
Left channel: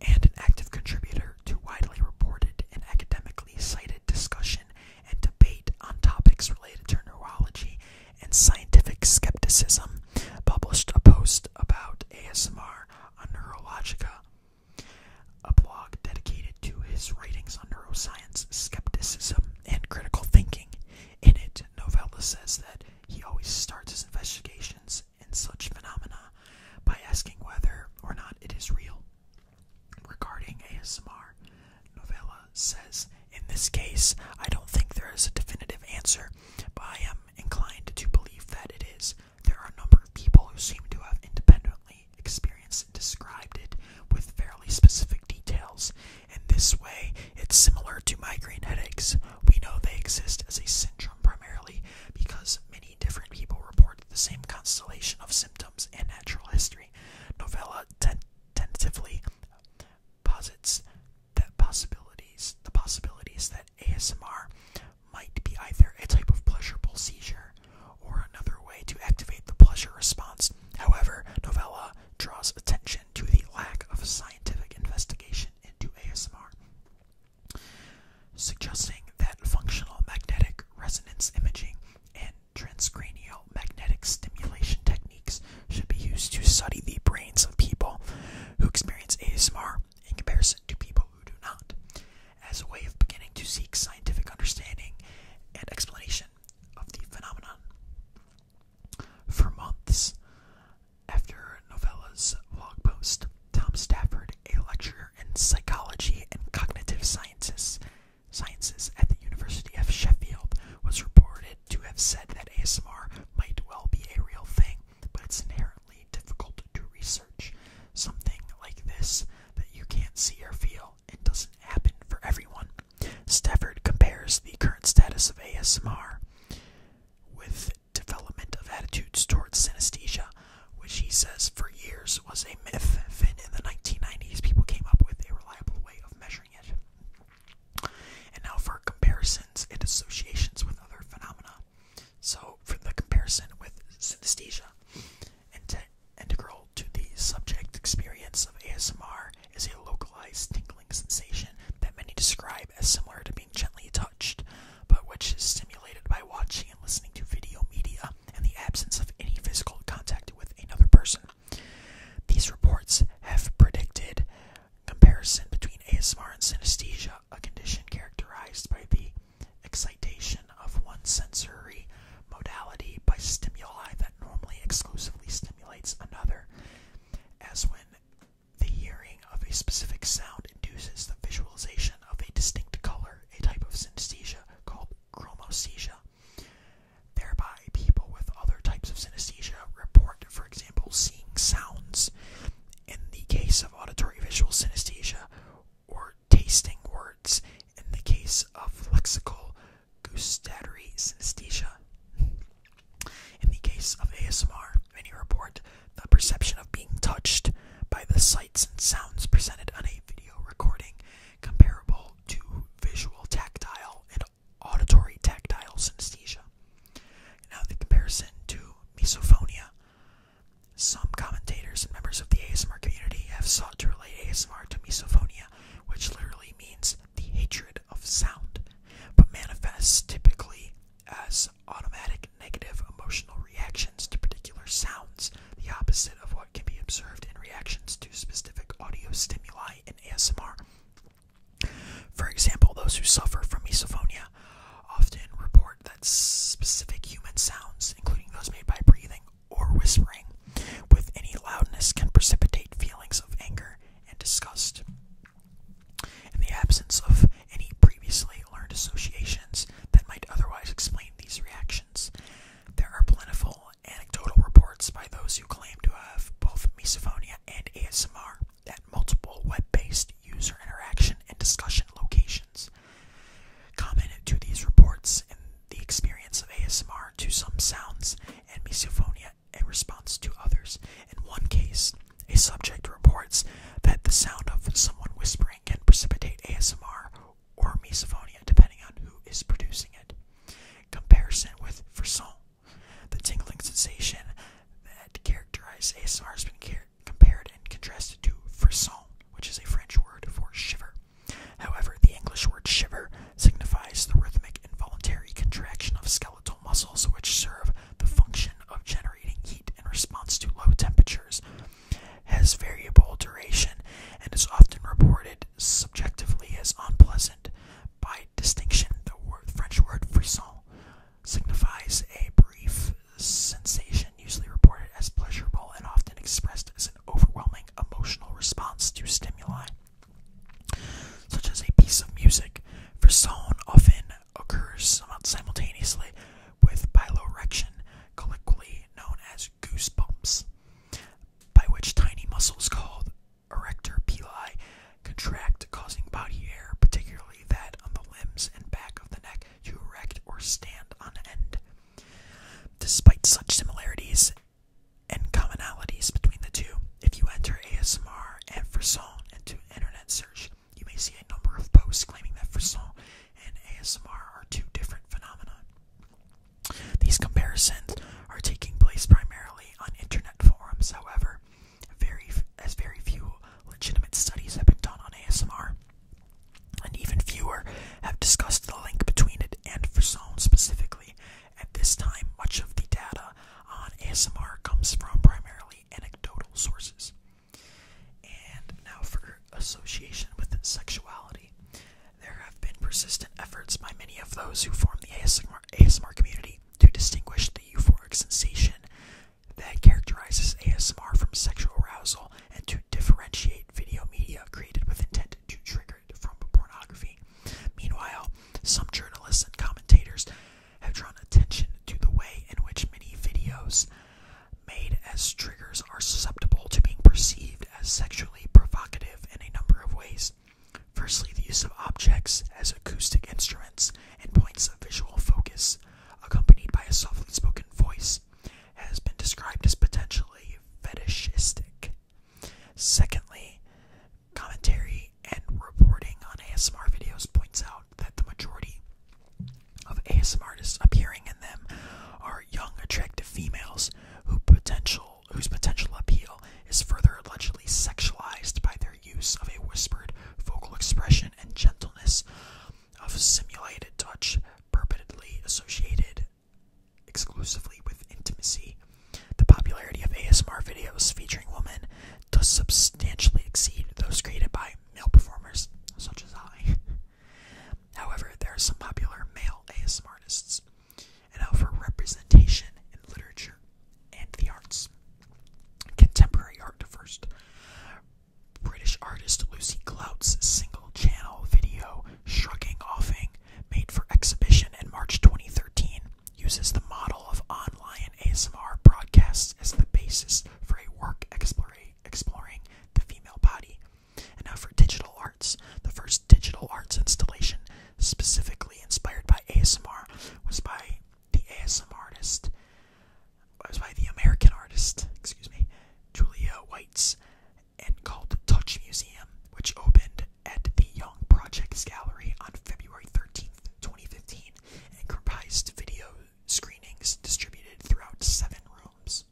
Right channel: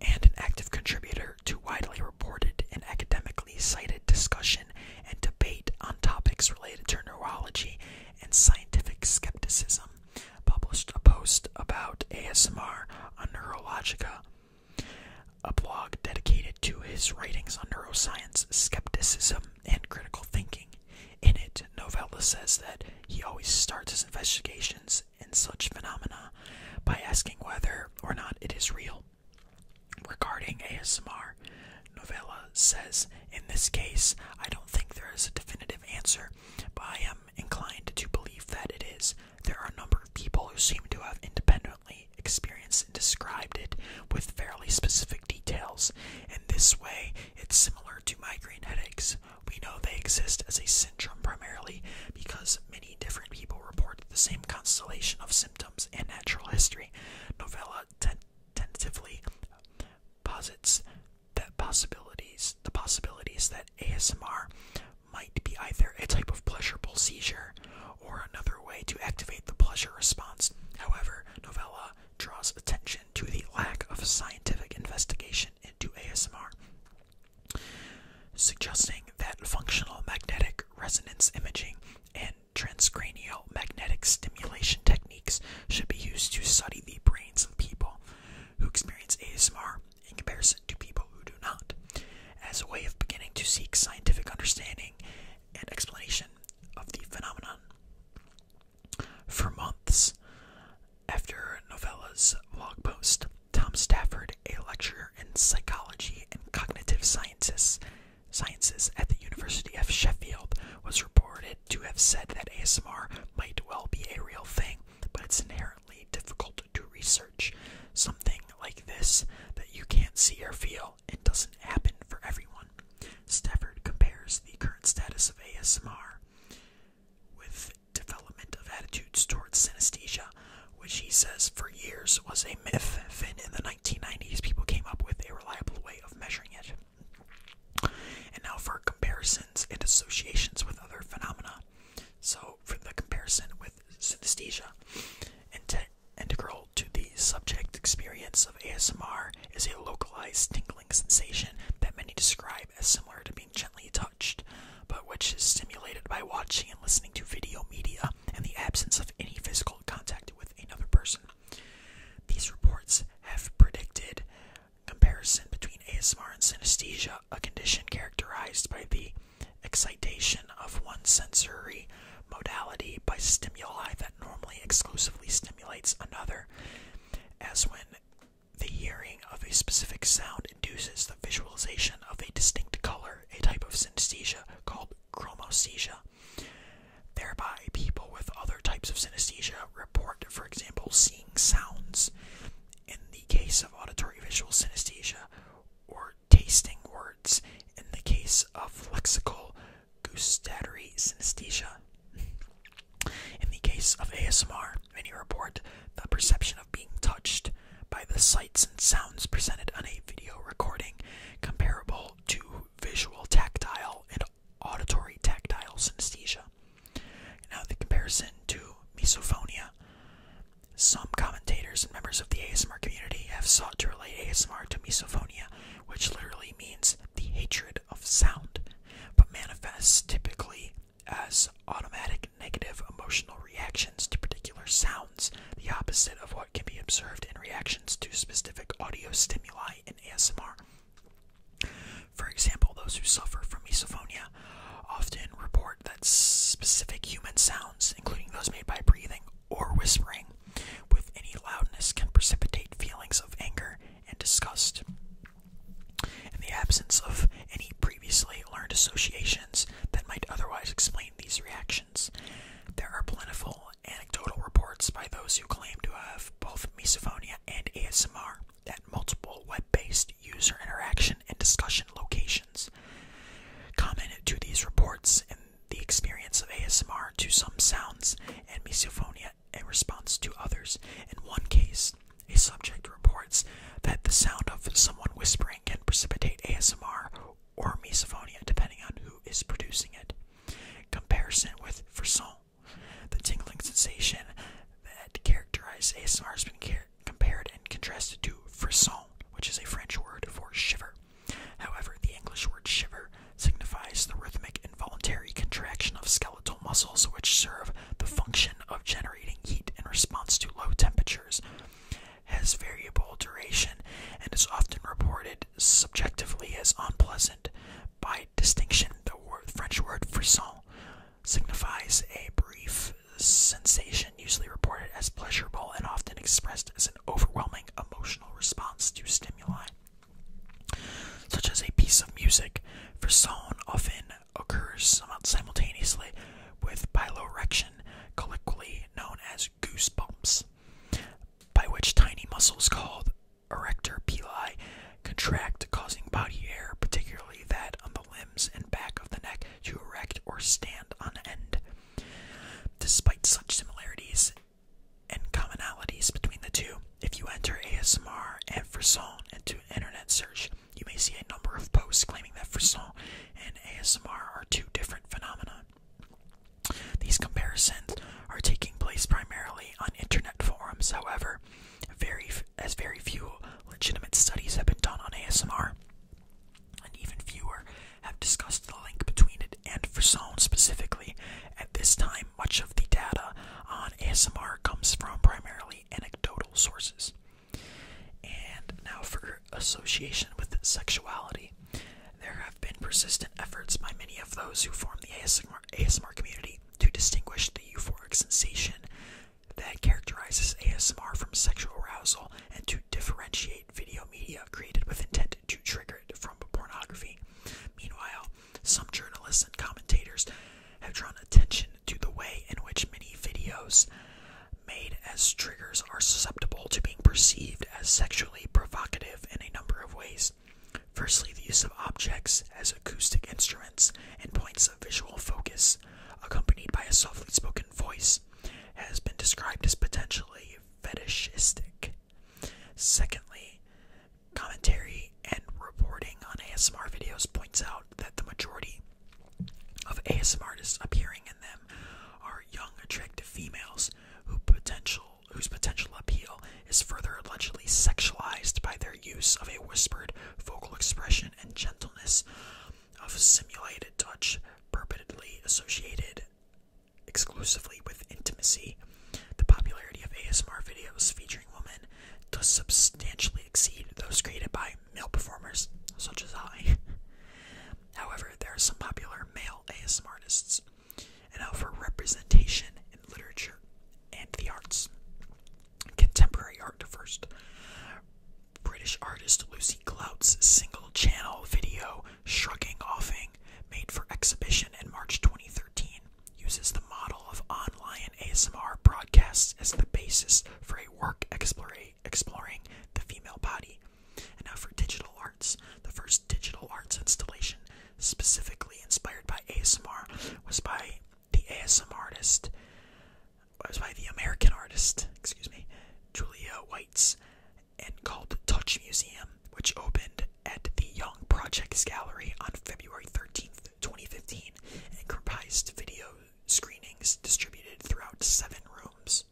and an active contributor to widely reported and academically cited discussion and debate on topics related to neurology and scientific skepticism, published a post about ASMR on Neurologica, a blog dedicated to his writings on neuroscience, skepticism, and critical thinking. In it, Novella says that he always starts his investigations in such phenomena by asking whether or not it is real. Regarding ASMR, Novella says, in this case, I don't think there is a definitive answer, but I am inclined to believe that it is. There are a number of people who seem to have independently experienced and described it with fairly specific detail. details. In this way, it's similar to migraine headaches. We know they exist as a syndrome primarily because many different people report the same constellation of symptoms and natural history. Novella tentatively posits that the possibilities that ASMR might be either a type of pleasurable seizure or another way to activate the pleasure response. However, Novella draws attention to the lack of scientific investigation into ASMR, suggesting that functional magnetic resonance imaging and transcranial magnetic stimulation techniques should be used to study the brains of people who experience ASMR in comparison to people who do not, as a way of beginning to seek scientific understanding and explanation of the phenomenon. For months after Novella's blog post, Tom Stafford, a lecturer in psychology and cognitive sciences at the University of Sheffield, was reported to have said that ASMR might well be a real thing, but it's inherently difficult to research. Something like this that you can't see or feel, it doesn't happen for everyone. Stafford compares the current status of ASMR with development of attitudes towards synesthesia, which he says for years was a myth. Then in the 1990s, people came up with a reliable way of measuring it. And now for comparisons and associations with other phenomena. So for the comparison with synesthesia, integral to the subject experience of ASMR is a localized tingling sensation that many describe as similar to being gently touched, but which is stimulated by watching and listening to video media and the absence of any physical contact with another person. These reports have predicted comparison between ASMR and synesthesia, a condition characterized by the excitation of one sensory modality by stimuli that normally exclusively stimulates another, as when the hearing of a specific sound induces the visualization of a distinct color, a type of synesthesia called chromesthesia. Thereby, people with other types of synesthesia report, for example, seeing sounds, in the case of auditory visual synesthesia, or tasting words, in the case of lexical gustatory synesthesia. In the case of ASMR, many report the perception of being touched by the sights and sounds presented on a video recording, comparable to visual tactile and auditory tactile synesthesia. Now the comparison to misophonia. Some commentators and members of the ASMR community have sought to relate ASMR to misophonia, which literally means the hatred of sound, but manifests typically as automatic negative emotional reactions to particular sounds, the opposite of what can be observed in reactions to specific audio stimuli in ASMR. For example, those who suffer from misophonia often report that specific human sounds, including those made by breathing or whispering, with any loudness can precipitate feelings of anger and disgust. In the absence of any previously learned associations that might otherwise explain these reactions, there are plentiful anecdotal reports by those who claim to have both misophonia and ASMR at multiple web-based user interaction and discussion locations. Common to these reports in the experience of ASMR to some sounds and misophonia in response to others. In one case, a subject reports that the sound of someone whispering can precipitate ASMR or misophonia depending on who is producing it. Comparison with frisson. The tingling sensation that characterizes ASMR has been compared and contrasted to frisson, which is a French word for shiver. However, the English word shiver signifies the rhythmic involuntary contraction of skeletal muscles which serve the function of generating heat in response to low temperatures, has variable duration, and is often reported subjectively as unpleasant. By distinction, the French word frisson signifies a brief sensation usually reported as pleasurable and often expressed as an overwhelming emotional response to stimuli, such as a piece of music. Frisson often occurs somewhat simultaneously with piloerection, colloquially known as goosebumps, by which tiny muscles called erector pili contract stand on end. Despite such similarities and commonalities between the two, if you enter ASMR and frisson into an internet search, you may see a number of posts claiming that frisson and ASMR are two different phenomena. These comparisons are taking place primarily on internet forums, however, very few legitimate studies have been done on ASMR, and even fewer have discussed the link between it and frisson specifically. At this time, much of the data on ASMR comes from primarily anecdotal sources. And now for association with sexuality. There have been persistent efforts by many of those who form the ASMR community to distinguish the euphoric sensation that characterizes ASMR from sexual arousal and to differentiate video media created with intent to trigger it from pornography. Meanwhile, some journalists and commentators have drawn attention to the way in which many videos made as triggers are susceptible to being perceived as sexually provocative in a number of ways. Firstly, the use of objects as acoustic instruments and points of visual focus, accompanied by a softly spoken voice, has been described as potentially fetishistic. Secondly, commentary and reporting on ASMR videos points out that the majority of ASMR artists appearing in them are young, attractive females whose potential appeal is further allegedly sexualized by their use of a whispered vocal expression and gentleness of simulated touch, purportedly associated exclusively with intimacy. The popularity of ASMR videos featuring women does substantially exceed those created by male performers, such as I. However, there are some popular male ASMR artists. And now for representation in literature and the arts. Contemporary art first. British artist Lucy Clout's single-channel video, Shrugging Offing, made for exhibition in March 2013, uses the model of online ASMR broadcasts as the basis for a work exploring the female body. And now for digital arts. The first digital arts installation specifically inspired by ASMR was by the American artist, Julia White's, and called Touch Museum, which opened at the Young Projects Gallery on February 13th, 2015, and comprised video screenings distributed throughout 7 rooms.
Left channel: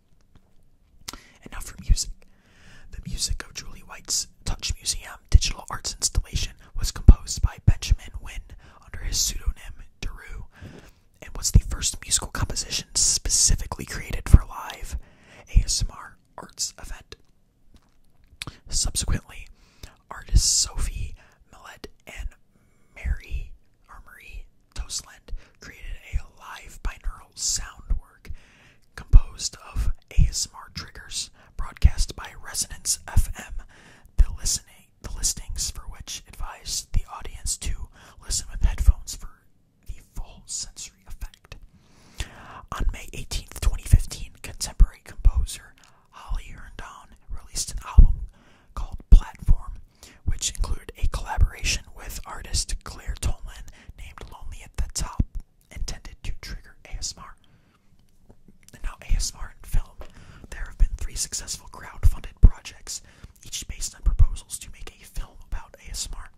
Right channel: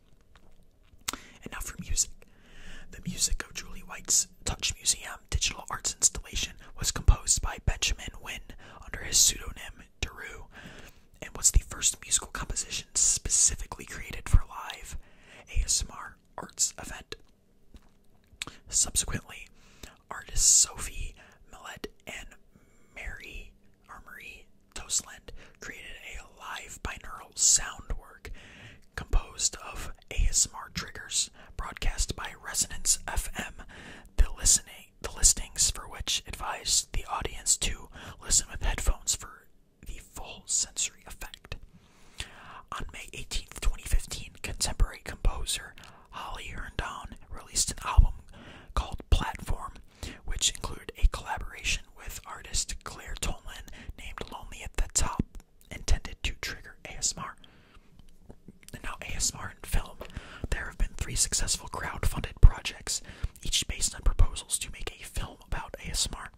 And now for music. The music of Julie White's Touch Museum digital arts installation was composed by Benjamin Wynn under his pseudonym Daru, and was the first musical composition specifically created for live ASMR arts event. Subsequently, artists Sophie Millet and Marie Tosland created a live binaural sound work composed of ASMR triggers broadcast by Resonance FM, the listings for which advised the audience to listen with headphones for the full sensory effect. On May 18th, 2015, contemporary composer Howie released an album called Platform, which included a collaboration with artist Claire Tolan named Lonely at the Top, intended to trigger ASMR. And now ASMR in film. There have been 3 successful crowd-funded projects, each based on proposals to make a film about ASMR.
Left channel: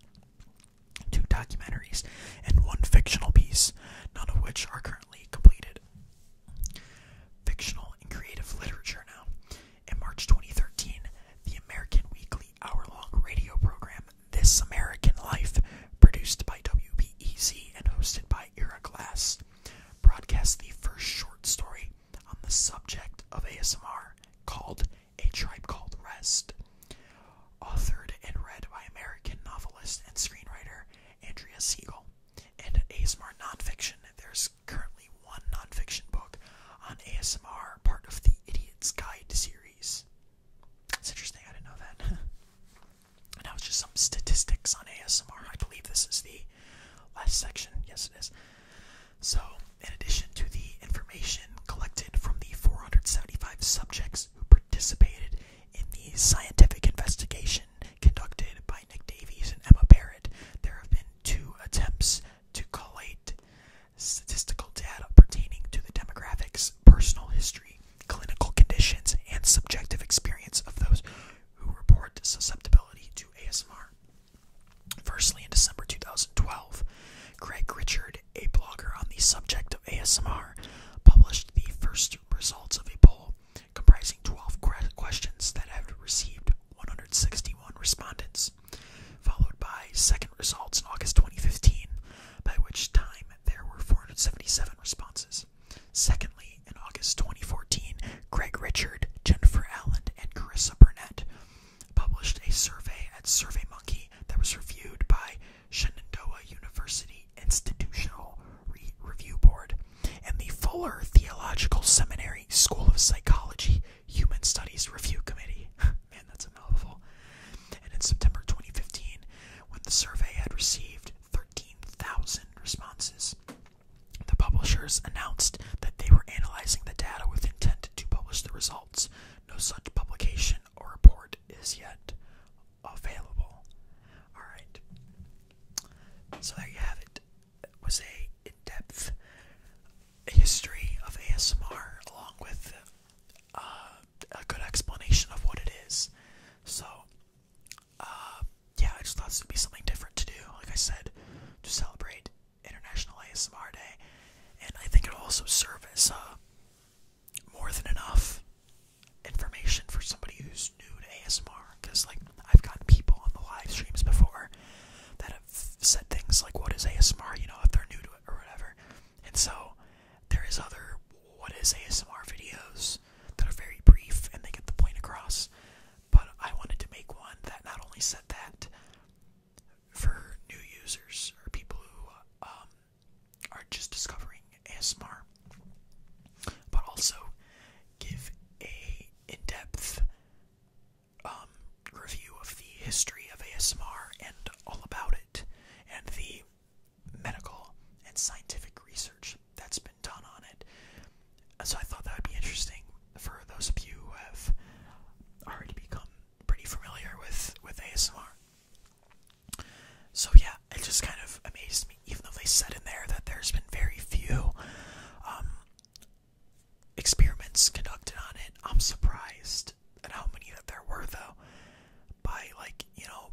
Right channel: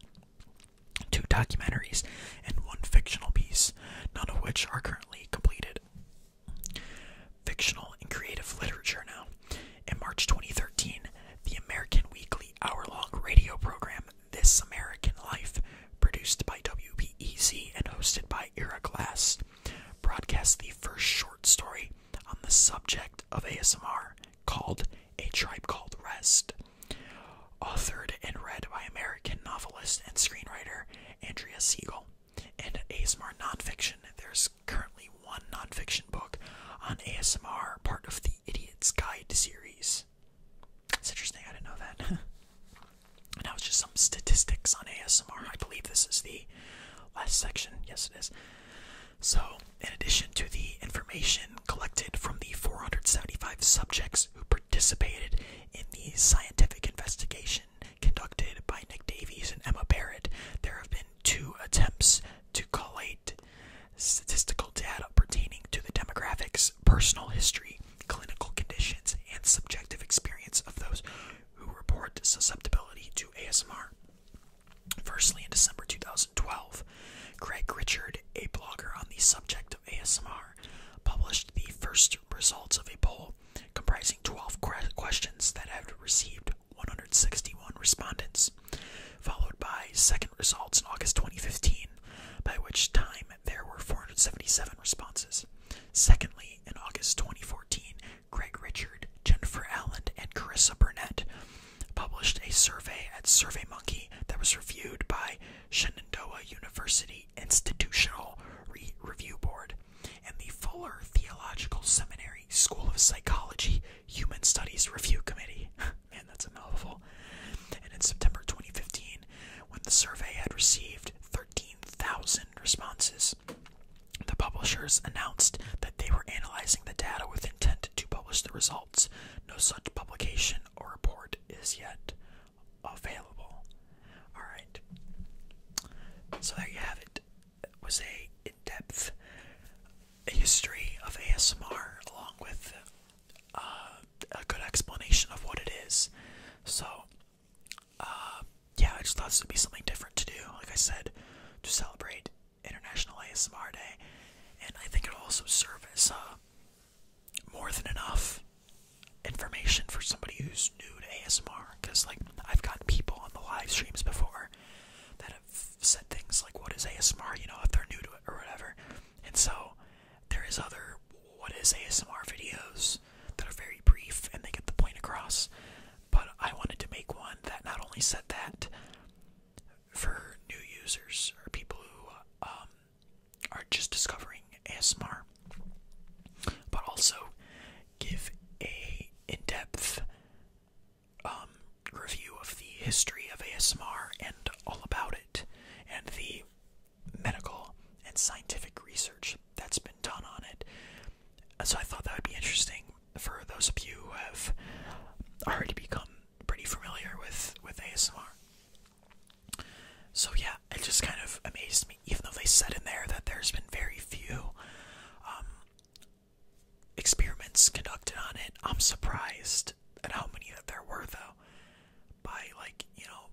2 documentaries and 1 fictional piece, none of which are currently completed. Fictional and creative literature now. In March 2013, the American weekly hour-long radio program This American Life, produced by WBEZ and hosted by Erik, broadcast the first short story on the subject of ASMR called A Tribe Called Rest. Authored and read by American novelist and screenwriter Andrea Siegel. And ASMR nonfiction, there's currently 1 nonfiction book on ASMR, part of the Idiot's Guide series. It's interesting, I didn't know that. And now it's just some statistics on ASMR. I believe this is the last section. Yes, it is. So, in addition to the information collected from the 475 subjects who participated in the scientific investigation conducted by Nick Davies and Emma Barrett, there have been 2 attempts to collate statistical the subject of ASMR, published the first results of a poll comprising 12 questions that had received 161 respondents, followed by second results in August 2015, by which time there were 477 responses. Secondly, in August 2014, Greg Richard, Jennifer Allen, and Carissa Burnett published a survey at SurveyMonkey that was reviewed by Shenandoah University Institutional Review Board and the Fuller Theological Seminary School of Psychology Human Studies Review Committee. Man, that's a mouthful. And in September 2015, when the survey had received 13,000 responses, the publishers announced that they were analyzing the data with intent to publish the results. No such publication or report is yet available. Alright. So there you have it. It was a in-depth history of ASMR along with a good explanation of what it is. So, yeah, I just thought this would be something different to do, like I said, to celebrate International ASMR Day. And I think it'll also serve as more than enough information for somebody who's new to ASMR. Because, like, I've gotten people on the live streams before that have said things like, what is ASMR, you know, if they're new to it or whatever. And so, there is other what is ASMR videos that are very brief and they get the point across. But I wanted to make one that not only said that for new users or people who are just discovering ASMR, but also give a in-depth review of the history of ASMR and all about it, and the medical and scientific research that's been done on it. So I thought that would be interesting for those of you who have already become pretty familiar with ASMR. So yeah, it just kind of amazed me, even though they said in there that there's been very few experiments conducted on it. I'm surprised at how many that there were, though, by, like, you know,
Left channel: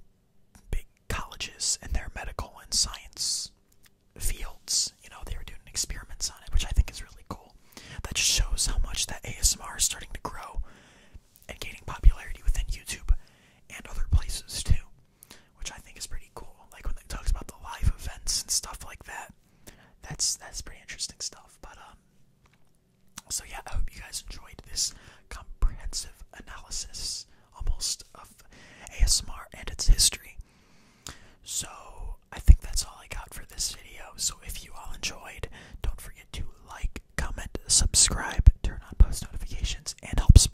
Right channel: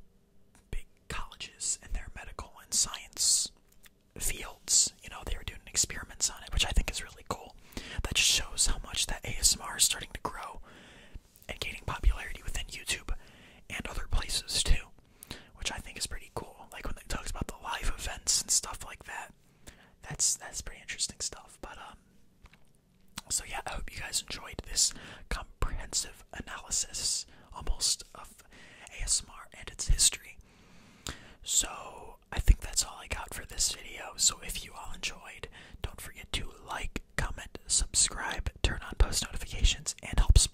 big colleges and their medical and science fields. You know, they were doing experiments on it, which I think is really cool. That just shows how much that ASMR is starting to grow and gaining popularity within YouTube and other places too, which I think is pretty cool. Like when they talks about the live events and stuff like that, that's pretty interesting stuff. But so yeah, I hope you guys enjoyed this comprehensive analysis, almost, of ASMR and its history. So I think that's all I got for this video. So if you all enjoyed, don't forget to like, comment, subscribe, turn on post notifications, and help support